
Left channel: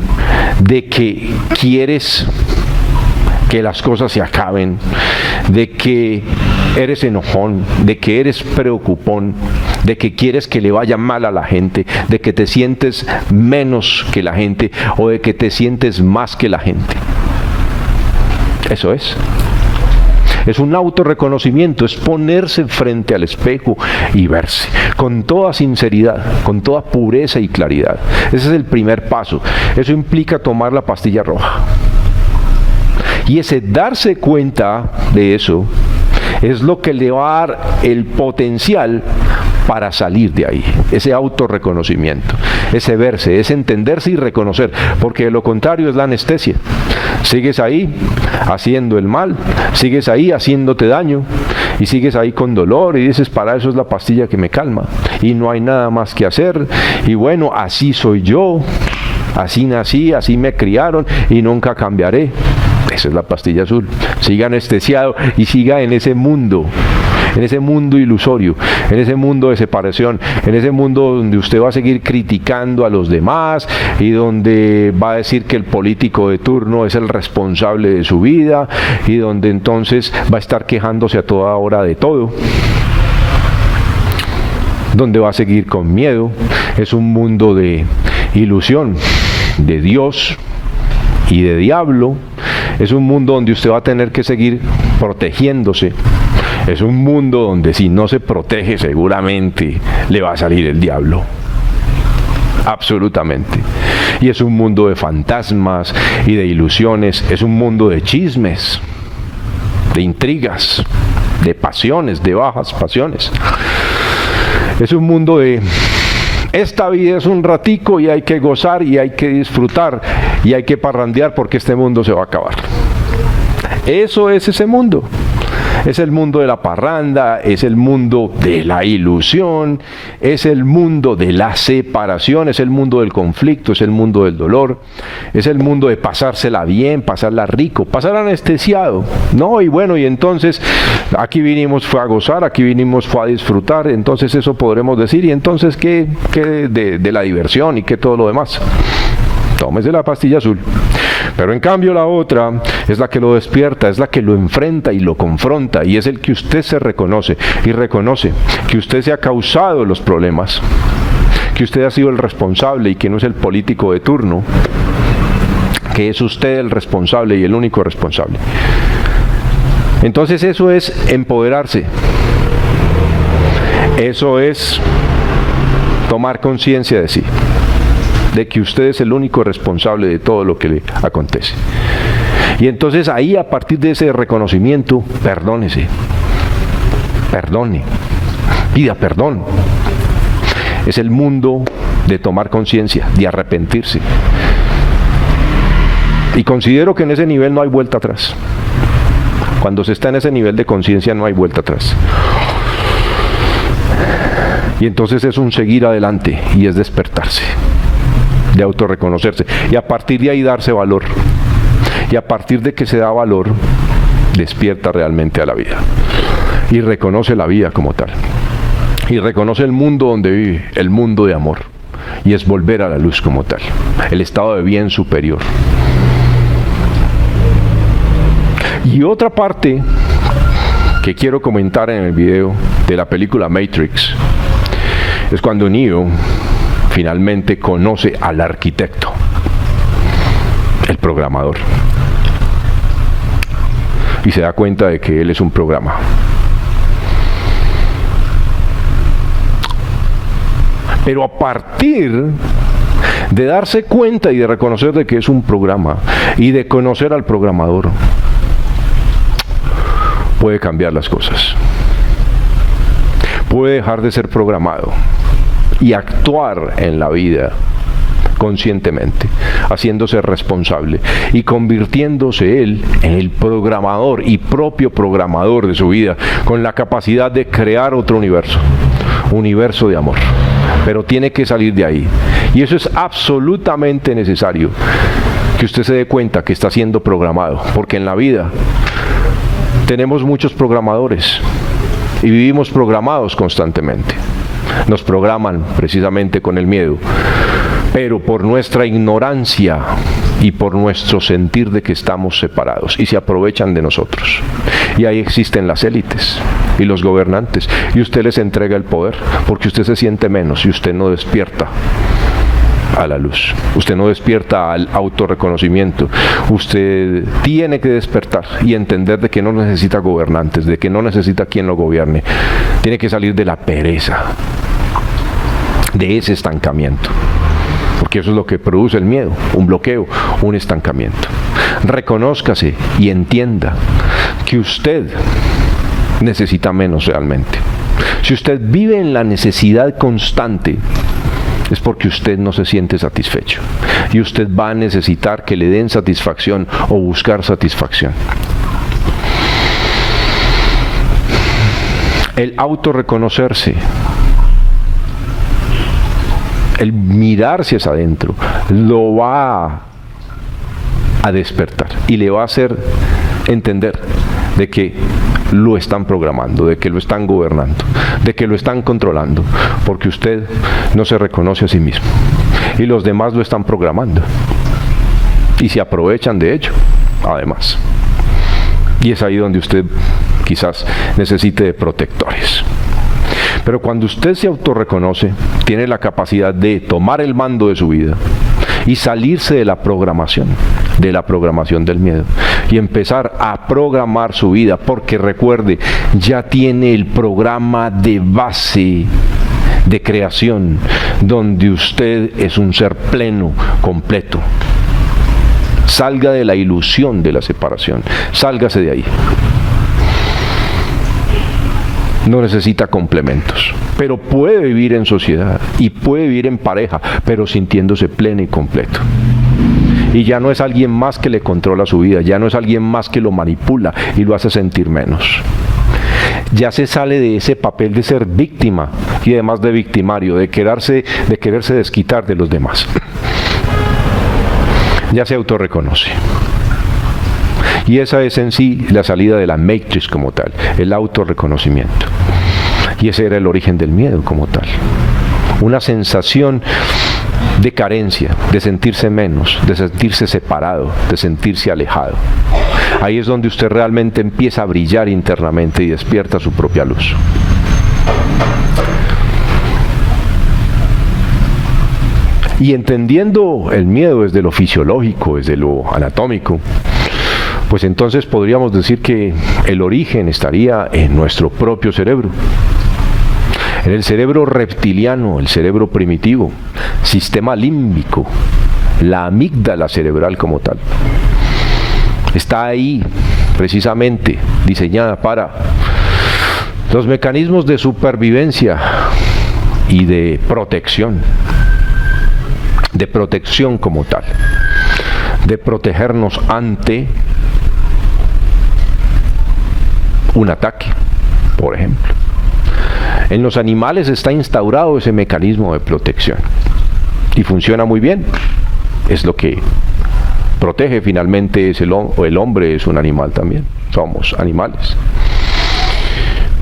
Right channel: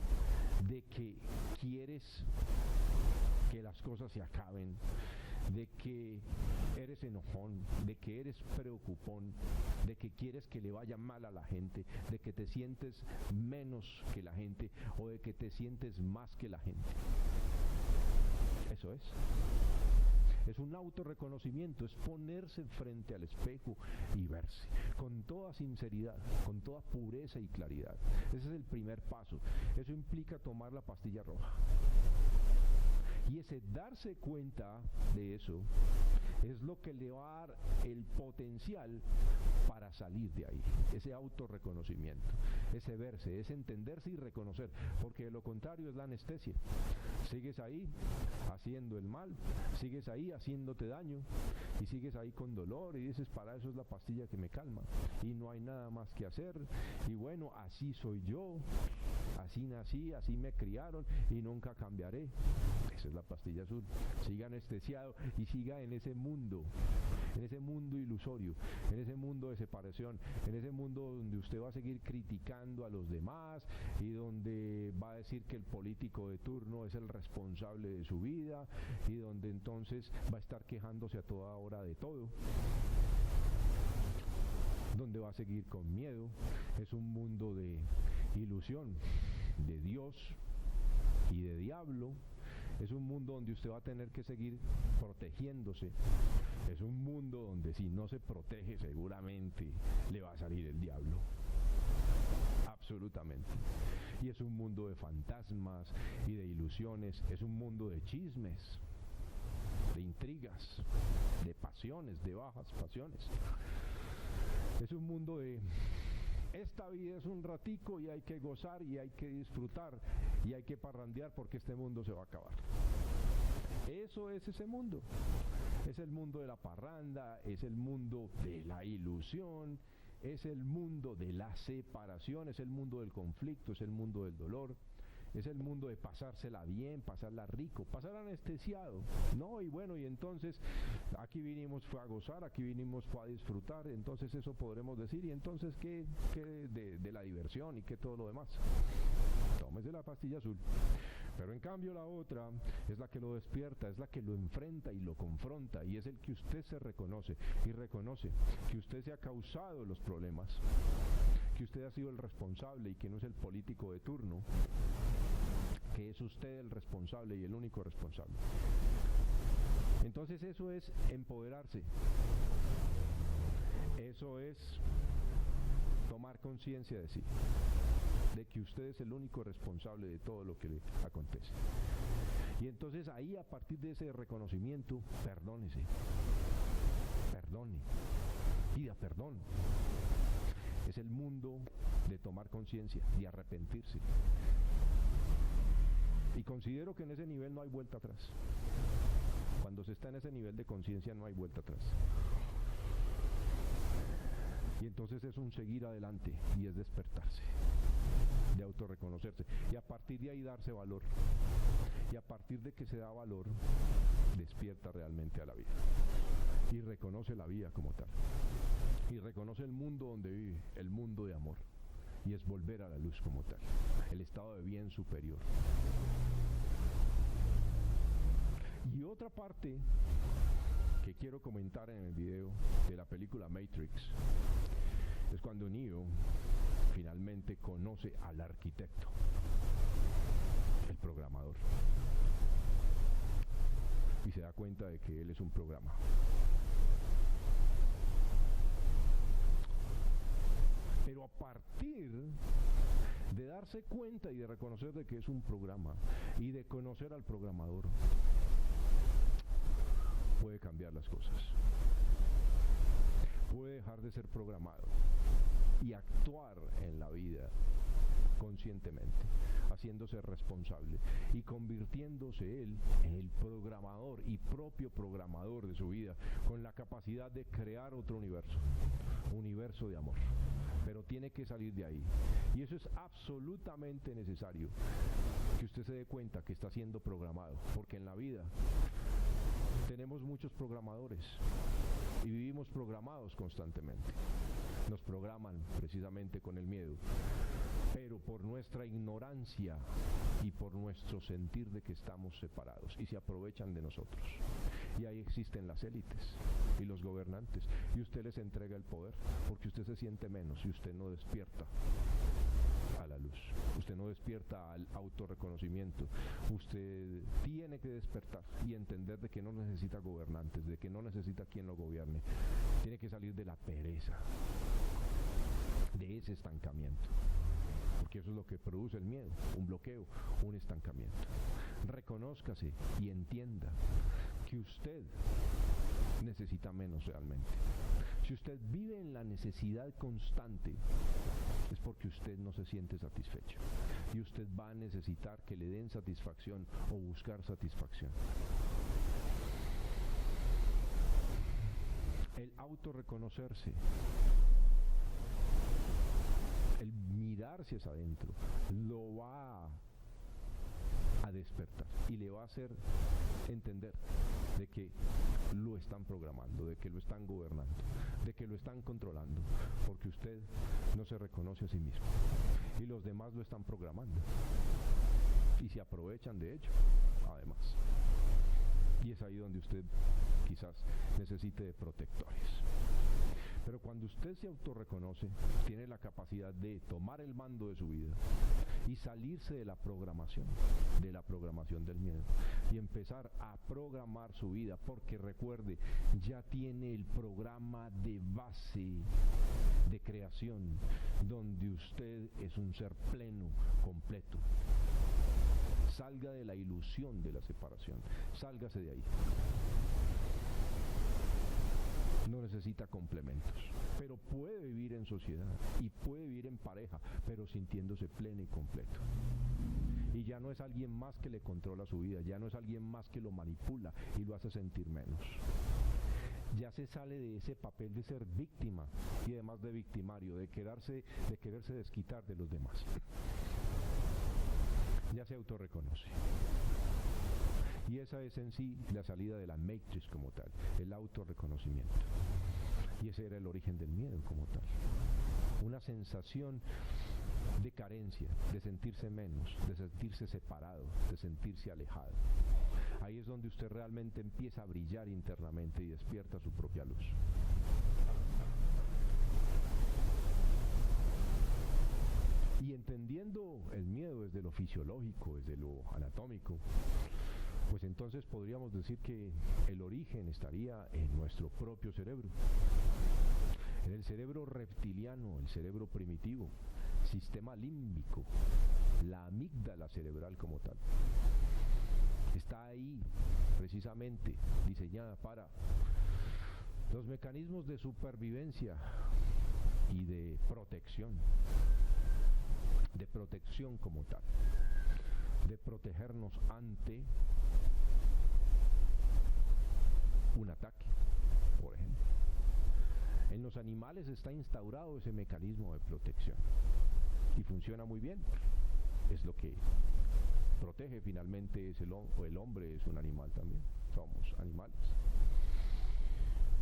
de que quieres que las cosas se acaben, de que eres enojón, de que eres preocupón, de que quieres que le vaya mal a la gente, de que te sientes menos que la gente o de que te sientes más que la gente. Eso es. Es un autorreconocimiento, es ponerse frente al espejo y verse con toda sinceridad, con toda pureza y claridad. Ese es el primer paso. Eso implica tomar la pastilla roja. Y ese darse cuenta de eso es lo que le va a dar el potencial para salir de ahí, ese autorreconocimiento, ese verse, ese entenderse y reconocer, porque de lo contrario es la anestesia. Sigues ahí haciendo el mal, sigues ahí haciéndote daño y sigues ahí con dolor y dices, para eso es la pastilla que me calma y no hay nada más que hacer y bueno, así soy yo, así nací, así me criaron y nunca cambiaré. Esa es la pastilla azul. Siga anestesiado y siga en ese mundo ilusorio, en ese mundo de separación, en ese mundo donde usted va a seguir criticando a los demás y donde va a decir que el político de turno es el responsable de su vida y donde entonces va a estar quejándose a toda hora de todo, donde va a seguir con miedo. Es un mundo de ilusión, de Dios y de diablo. Es un mundo donde usted va a tener que seguir protegiéndose. Es un mundo donde si no se protege seguramente le va a salir el diablo. Absolutamente. Y es un mundo de fantasmas y de ilusiones. Es un mundo de chismes, de intrigas, de pasiones, de bajas pasiones. Es un mundo de... Esta vida es un ratico y hay que gozar y hay que disfrutar y hay que parrandear porque este mundo se va a acabar. Eso es ese mundo. Es el mundo de la parranda, es el mundo de la ilusión, es el mundo de la separación, es el mundo del conflicto, es el mundo del dolor, es el mundo de pasársela bien, pasarla rico, pasar anestesiado, ¿no? Y bueno, y entonces aquí vinimos fue a gozar, aquí vinimos fue a disfrutar, entonces eso podremos decir, y entonces ¿qué de la diversión y qué todo lo demás? Tómese la pastilla azul. Pero en cambio la otra es la que lo despierta, es la que lo enfrenta y lo confronta, y es el que usted se reconoce y reconoce que usted se ha causado los problemas, que usted ha sido el responsable y que no es el político de turno, que es usted el responsable y el único responsable. Entonces eso es empoderarse, eso es tomar conciencia de sí, de que usted es el único responsable de todo lo que le acontece. Y entonces ahí, a partir de ese reconocimiento, perdónese, perdone, pida perdón. Es el mundo de tomar conciencia, de arrepentirse. Y considero que en ese nivel no hay vuelta atrás. Cuando se está en ese nivel de conciencia no hay vuelta atrás. Y entonces es un seguir adelante y es despertarse, de autorreconocerse, y a partir de ahí darse valor, y a partir de que se da valor despierta realmente a la vida y reconoce la vida como tal, y reconoce el mundo donde vive, el mundo de amor, y es volver a la luz como tal, el estado de bien superior. Y otra parte que quiero comentar en el video de la película Matrix es cuando Neo finalmente conoce al arquitecto, el programador, y se da cuenta de que él es un programa. Pero a partir de darse cuenta y de reconocer de que es un programa y de conocer al programador, puede cambiar las cosas, puede dejar de ser programado y actuar en la vida conscientemente, haciéndose responsable y convirtiéndose él en el programador y propio programador de su vida, con la capacidad de crear otro universo de amor. Pero tiene que salir de ahí, y eso es absolutamente necesario, que usted se dé cuenta que está siendo programado, porque en la vida tenemos muchos programadores y vivimos programados constantemente. Nos programan precisamente con el miedo, pero por nuestra ignorancia y por nuestro sentir de que estamos separados, y se aprovechan de nosotros. Y ahí existen las élites y los gobernantes, y usted les entrega el poder porque usted se siente menos y usted no despierta a la luz, usted no despierta al autorreconocimiento. Usted tiene que despertar y entender de que no necesita gobernantes, de que no necesita quien lo gobierne. Tiene que salir de la pereza, de ese estancamiento, porque eso es lo que produce el miedo, un bloqueo, un estancamiento. Reconózcase y entienda que usted necesita menos realmente. Si usted vive en la necesidad constante, es porque usted no se siente satisfecho, y usted va a necesitar que le den satisfacción o buscar satisfacción. El autorreconocerse, el mirarse hacia adentro, lo va a despertar y le va a hacer entender de que lo están programando, de que lo están gobernando, de que lo están controlando, porque usted no se reconoce a sí mismo y los demás lo están programando y se aprovechan de ello, además. Y es ahí donde usted quizás necesite de protectores. Pero cuando usted se autorreconoce, tiene la capacidad de tomar el mando de su vida y salirse de la programación del miedo, y empezar a programar su vida, porque recuerde, ya tiene el programa de base de creación, donde usted es un ser pleno, completo. Salga de la ilusión de la separación, sálgase de ahí. No necesita complementos, pero puede vivir en sociedad y puede vivir en pareja, pero sintiéndose pleno y completo. Y ya no es alguien más que le controla su vida, ya no es alguien más que lo manipula y lo hace sentir menos. ya se sale de ese papel de ser víctima y además de victimario, de quererse desquitar de los demás. Ya se autorreconoce. Y esa es en sí la salida de la Matrix como tal, el autorreconocimiento. Y ese era el origen del miedo como tal. Una sensación de carencia, de sentirse menos, de sentirse separado, de sentirse alejado. Ahí es donde usted realmente empieza a brillar internamente y despierta su propia luz. Y entendiendo el miedo desde lo fisiológico, desde lo anatómico, pues entonces podríamos decir que el origen estaría en nuestro propio cerebro. En el cerebro reptiliano, el cerebro primitivo, sistema límbico, la amígdala cerebral como tal. Está ahí precisamente diseñada para los mecanismos de supervivencia y de protección como tal, de protegernos ante un ataque, por ejemplo. En los animales está instaurado ese mecanismo de protección y funciona muy bien. Es lo que protege finalmente, el hombre es un animal también, somos animales.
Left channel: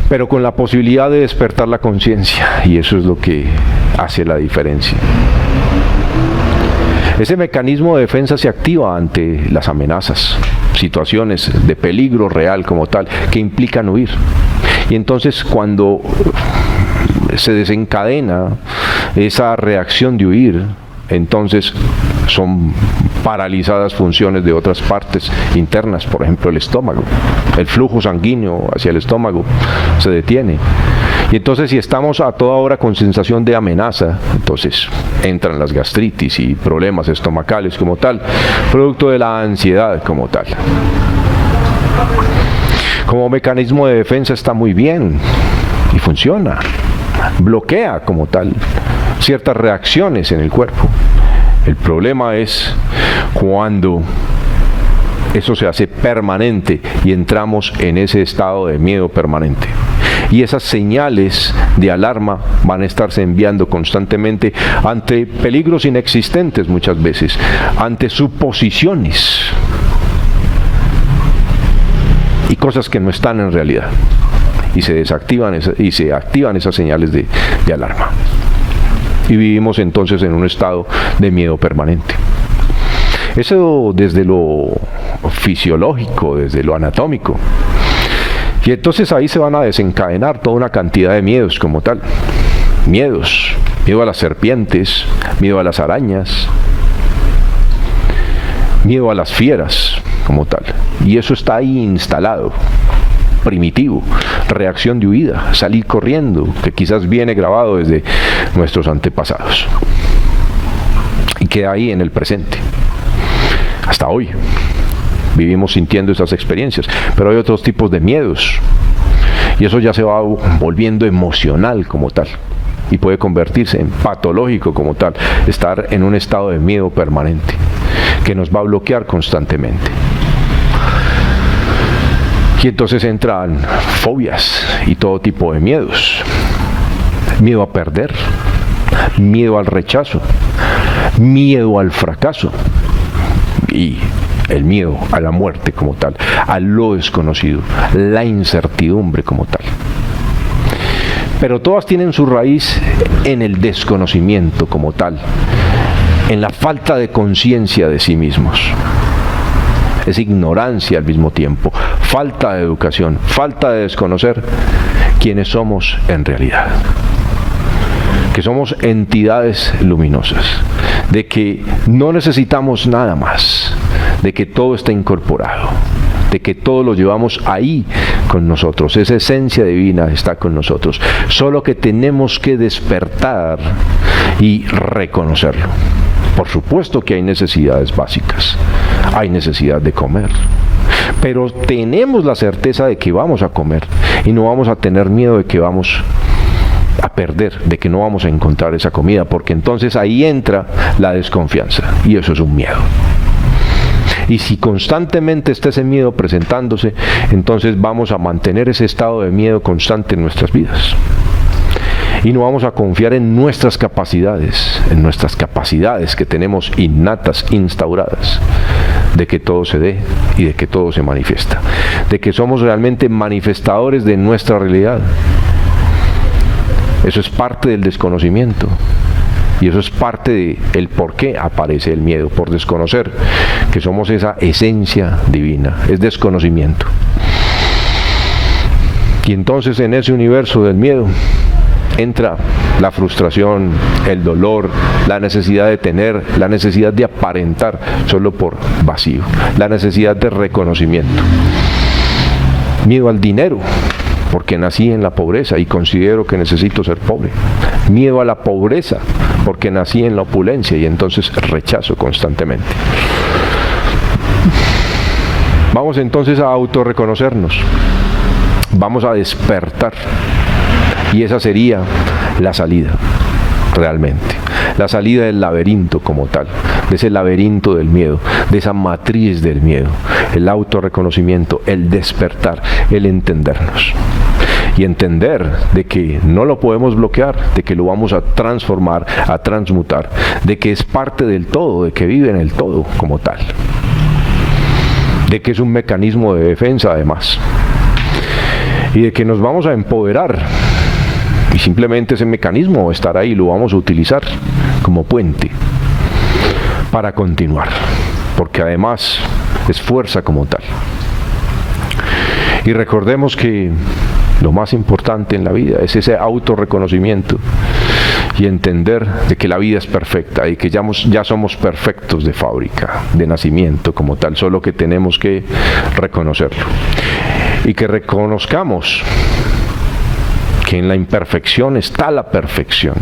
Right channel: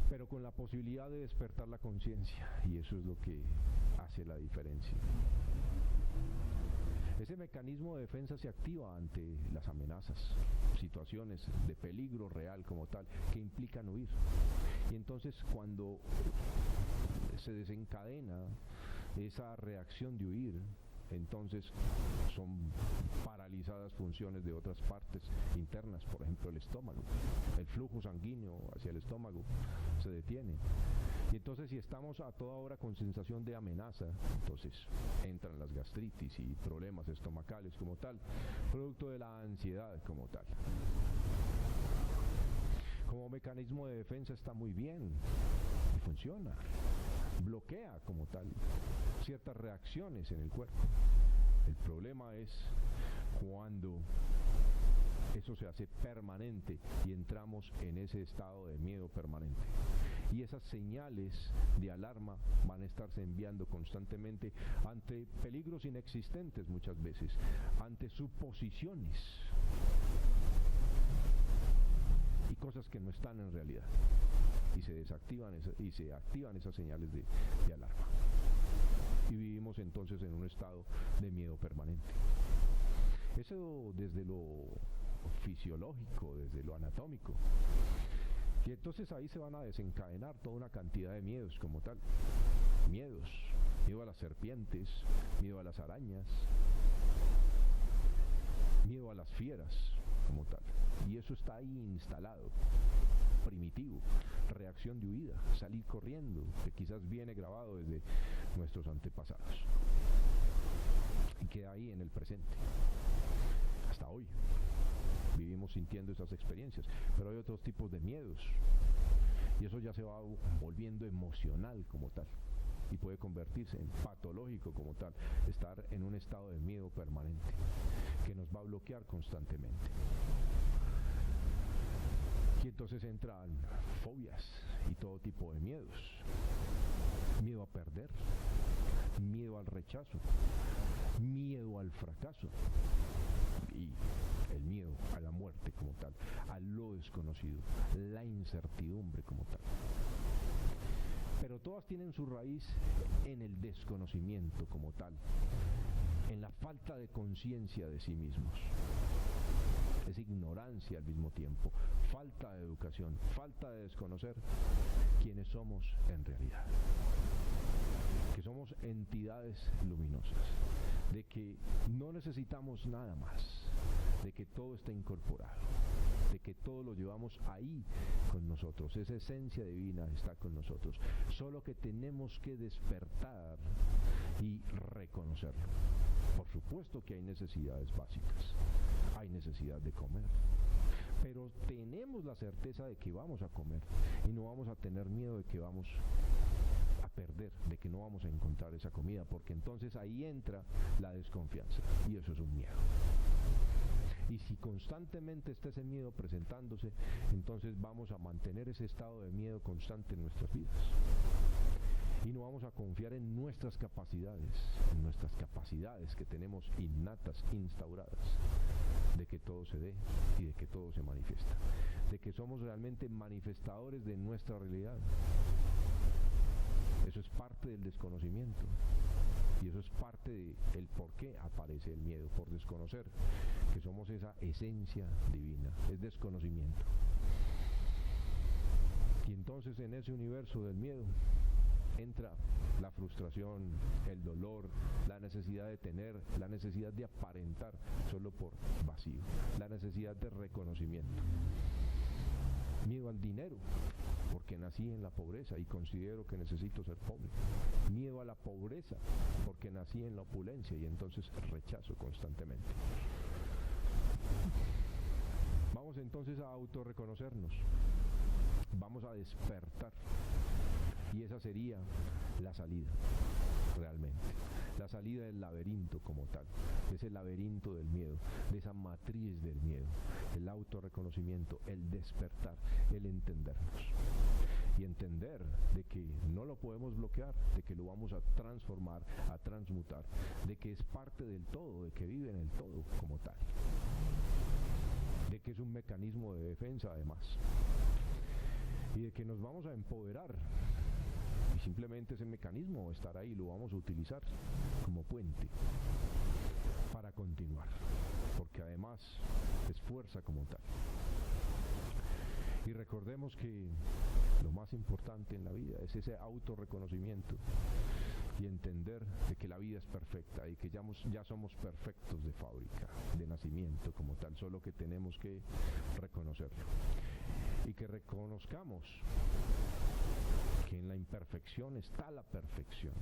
Pero con la posibilidad de despertar la conciencia, y eso es lo que hace la diferencia. Ese mecanismo de defensa se activa ante las amenazas, situaciones de peligro real como tal, que implican huir. Y entonces cuando se desencadena esa reacción de huir, entonces son paralizadas funciones de otras partes internas, por ejemplo el estómago. El flujo sanguíneo hacia el estómago se detiene. Y entonces si estamos a toda hora con sensación de amenaza, entonces entran las gastritis y problemas estomacales como tal, producto de la ansiedad como tal. Como mecanismo de defensa está muy bien y funciona. Bloquea como tal ciertas reacciones en el cuerpo. El problema es cuando eso se hace permanente y entramos en ese estado de miedo permanente. Y esas señales de alarma van a estarse enviando constantemente ante peligros inexistentes muchas veces, ante suposiciones y cosas que no están en realidad. Y se desactivan y se activan esas señales de alarma. Y vivimos entonces en un estado de miedo permanente. Eso desde lo fisiológico, desde lo anatómico. Y entonces ahí se van a desencadenar toda una cantidad de miedos como tal. Miedos. Miedo a las serpientes, miedo a las arañas, miedo a las fieras como tal. Y eso está ahí instalado. Primitivo, reacción de huida, salir corriendo, que quizás viene grabado desde nuestros antepasados y queda ahí en el presente. Hasta hoy vivimos sintiendo esas experiencias, pero hay otros tipos de miedos y eso ya se va volviendo emocional como tal y puede convertirse en patológico como tal, estar en un estado de miedo permanente que nos va a bloquear constantemente. Y entonces entran fobias y todo tipo de miedos. Miedo a perder, miedo al rechazo, miedo al fracaso y el miedo a la muerte como tal, a lo desconocido, la incertidumbre como tal. Pero todas tienen su raíz en el desconocimiento como tal, en la falta de conciencia de sí mismos. Es ignorancia al mismo tiempo, falta de educación, falta de desconocer quiénes somos en realidad. Que somos entidades luminosas, de que no necesitamos nada más, de que todo está incorporado, de que todo lo llevamos ahí con nosotros, esa esencia divina está con nosotros, solo que tenemos que despertar y reconocerlo. Por supuesto que hay necesidades básicas, hay necesidad de comer, pero tenemos la certeza de que vamos a comer y no vamos a tener miedo de que vamos a perder, de que no vamos a encontrar esa comida, porque entonces ahí entra la desconfianza y eso es un miedo. Y si constantemente está ese miedo presentándose, entonces vamos a mantener ese estado de miedo constante en nuestras vidas. Y no vamos a confiar en nuestras capacidades que tenemos innatas, instauradas, de que todo se dé y de que todo se manifiesta, de que somos realmente manifestadores de nuestra realidad. Eso es parte del desconocimiento. Y eso es parte del por qué aparece el miedo, por desconocer que somos esa esencia divina, es desconocimiento. Y entonces en ese universo del miedo entra la frustración, el dolor, la necesidad de tener, la necesidad de aparentar solo por vacío, la necesidad de reconocimiento. Miedo al dinero, porque nací en la pobreza y considero que necesito ser pobre. Miedo a la pobreza, porque nací en la opulencia y entonces rechazo constantemente. Vamos entonces a autorreconocernos. Vamos a despertar. Y esa sería la salida, realmente. La salida del laberinto como tal, de ese laberinto del miedo, de esa matriz del miedo. El autorreconocimiento, el despertar, el entendernos. Y entender de que no lo podemos bloquear, de que lo vamos a transformar, a transmutar, de que es parte del todo, de que vive en el todo como tal. De que es un mecanismo de defensa además. Y de que nos vamos a empoderar. Y simplemente ese mecanismo estará ahí, lo vamos a utilizar como puente para continuar, porque además es fuerza como tal. Y recordemos que lo más importante en la vida es ese autorreconocimiento y entender de que la vida es perfecta y que ya somos perfectos de fábrica, de nacimiento como tal, solo que tenemos que reconocerlo. Y que reconozcamos que en la imperfección está la perfección.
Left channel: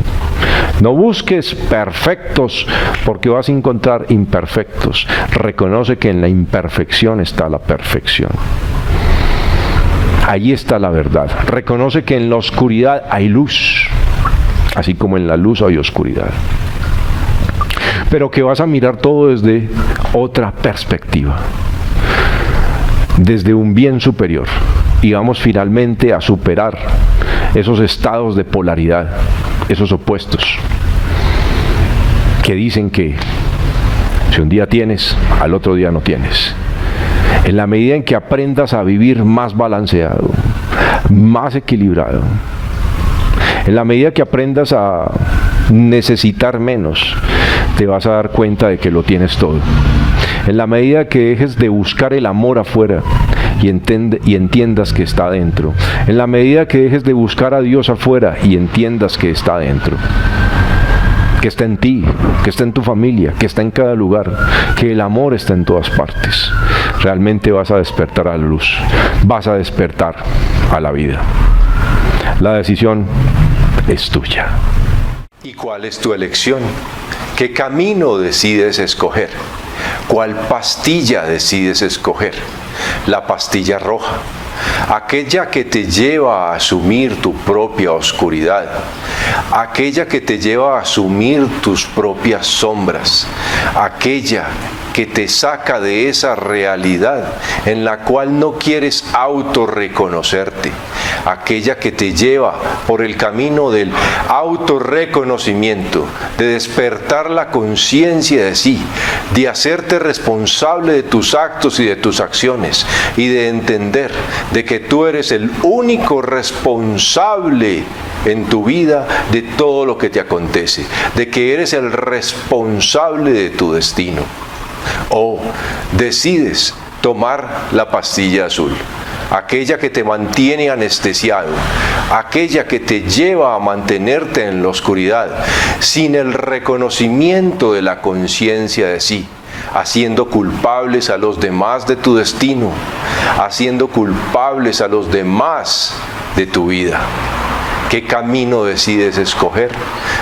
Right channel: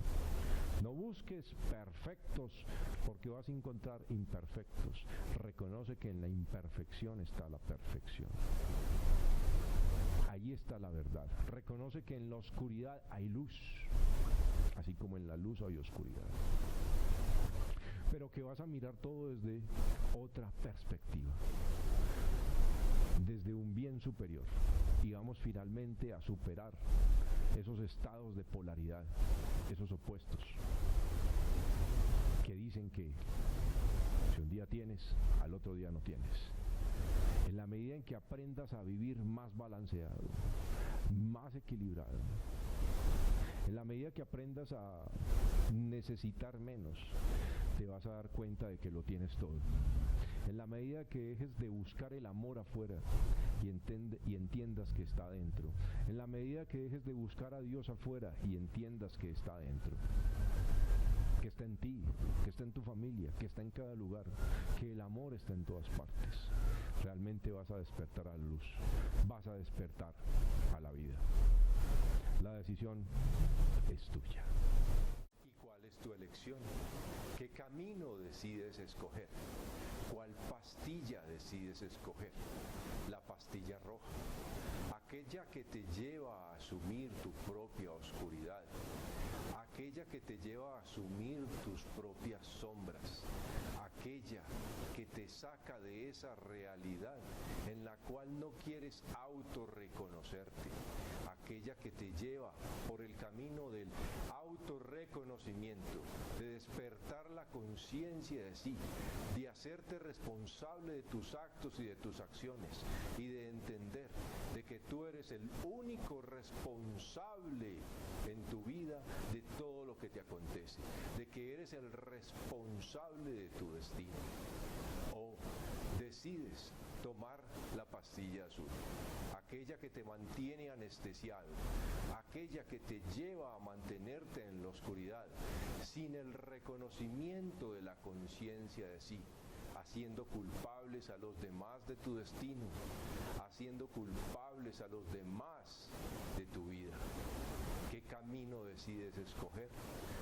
No busques perfectos porque vas a encontrar imperfectos. Reconoce que en la imperfección está la perfección. Allí está la verdad. Reconoce que en la oscuridad hay luz, así como en la luz hay oscuridad. Pero que vas a mirar todo desde otra perspectiva, desde un bien superior. Y vamos finalmente a superar esos estados de polaridad, esos opuestos, que dicen que si un día tienes, al otro día no tienes. En la medida en que aprendas a vivir más balanceado, más equilibrado, en la medida que aprendas a necesitar menos, te vas a dar cuenta de que lo tienes todo. En la medida que dejes de buscar el amor afuera y entiendas que está adentro. En la medida que dejes de buscar a Dios afuera y entiendas que está adentro. Que está en ti, que está en tu familia, que está en cada lugar, que el amor está en todas partes. Realmente vas a despertar a la luz, vas a despertar a la vida. La decisión es tuya. ¿Y cuál es tu elección? ¿Qué camino decides escoger? ¿Cuál pastilla decides escoger? La pastilla roja, aquella que te lleva a asumir tu propia oscuridad, aquella que te lleva a asumir tus propias sombras, aquella que te saca de esa realidad en la cual no quieres autorreconocerte, aquella que te lleva por el camino del autorreconocimiento, de despertar la conciencia de sí, de hacerte responsable de tus actos y de tus acciones y de entender de que tú eres el único responsable en tu vida de todo lo que te acontece, de que eres el responsable de tu destino. O decides tomar la pastilla azul, aquella que te mantiene anestesiado, aquella que te lleva a mantenerte en la oscuridad, sin el reconocimiento de la conciencia de sí, haciendo culpables a los demás de tu destino, haciendo culpables a los demás de tu vida. ¿Qué camino decides escoger?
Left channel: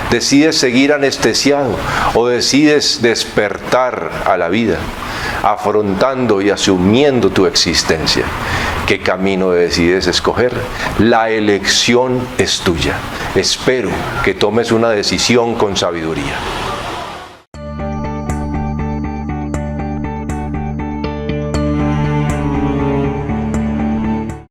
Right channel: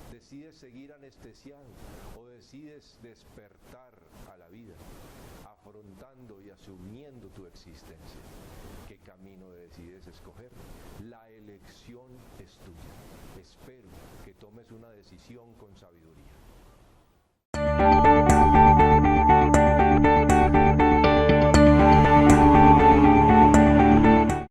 ¿Decides seguir anestesiado o decides despertar a la vida, afrontando y asumiendo tu existencia? ¿Qué camino decides escoger? La elección es tuya. Espero que tomes una decisión con sabiduría.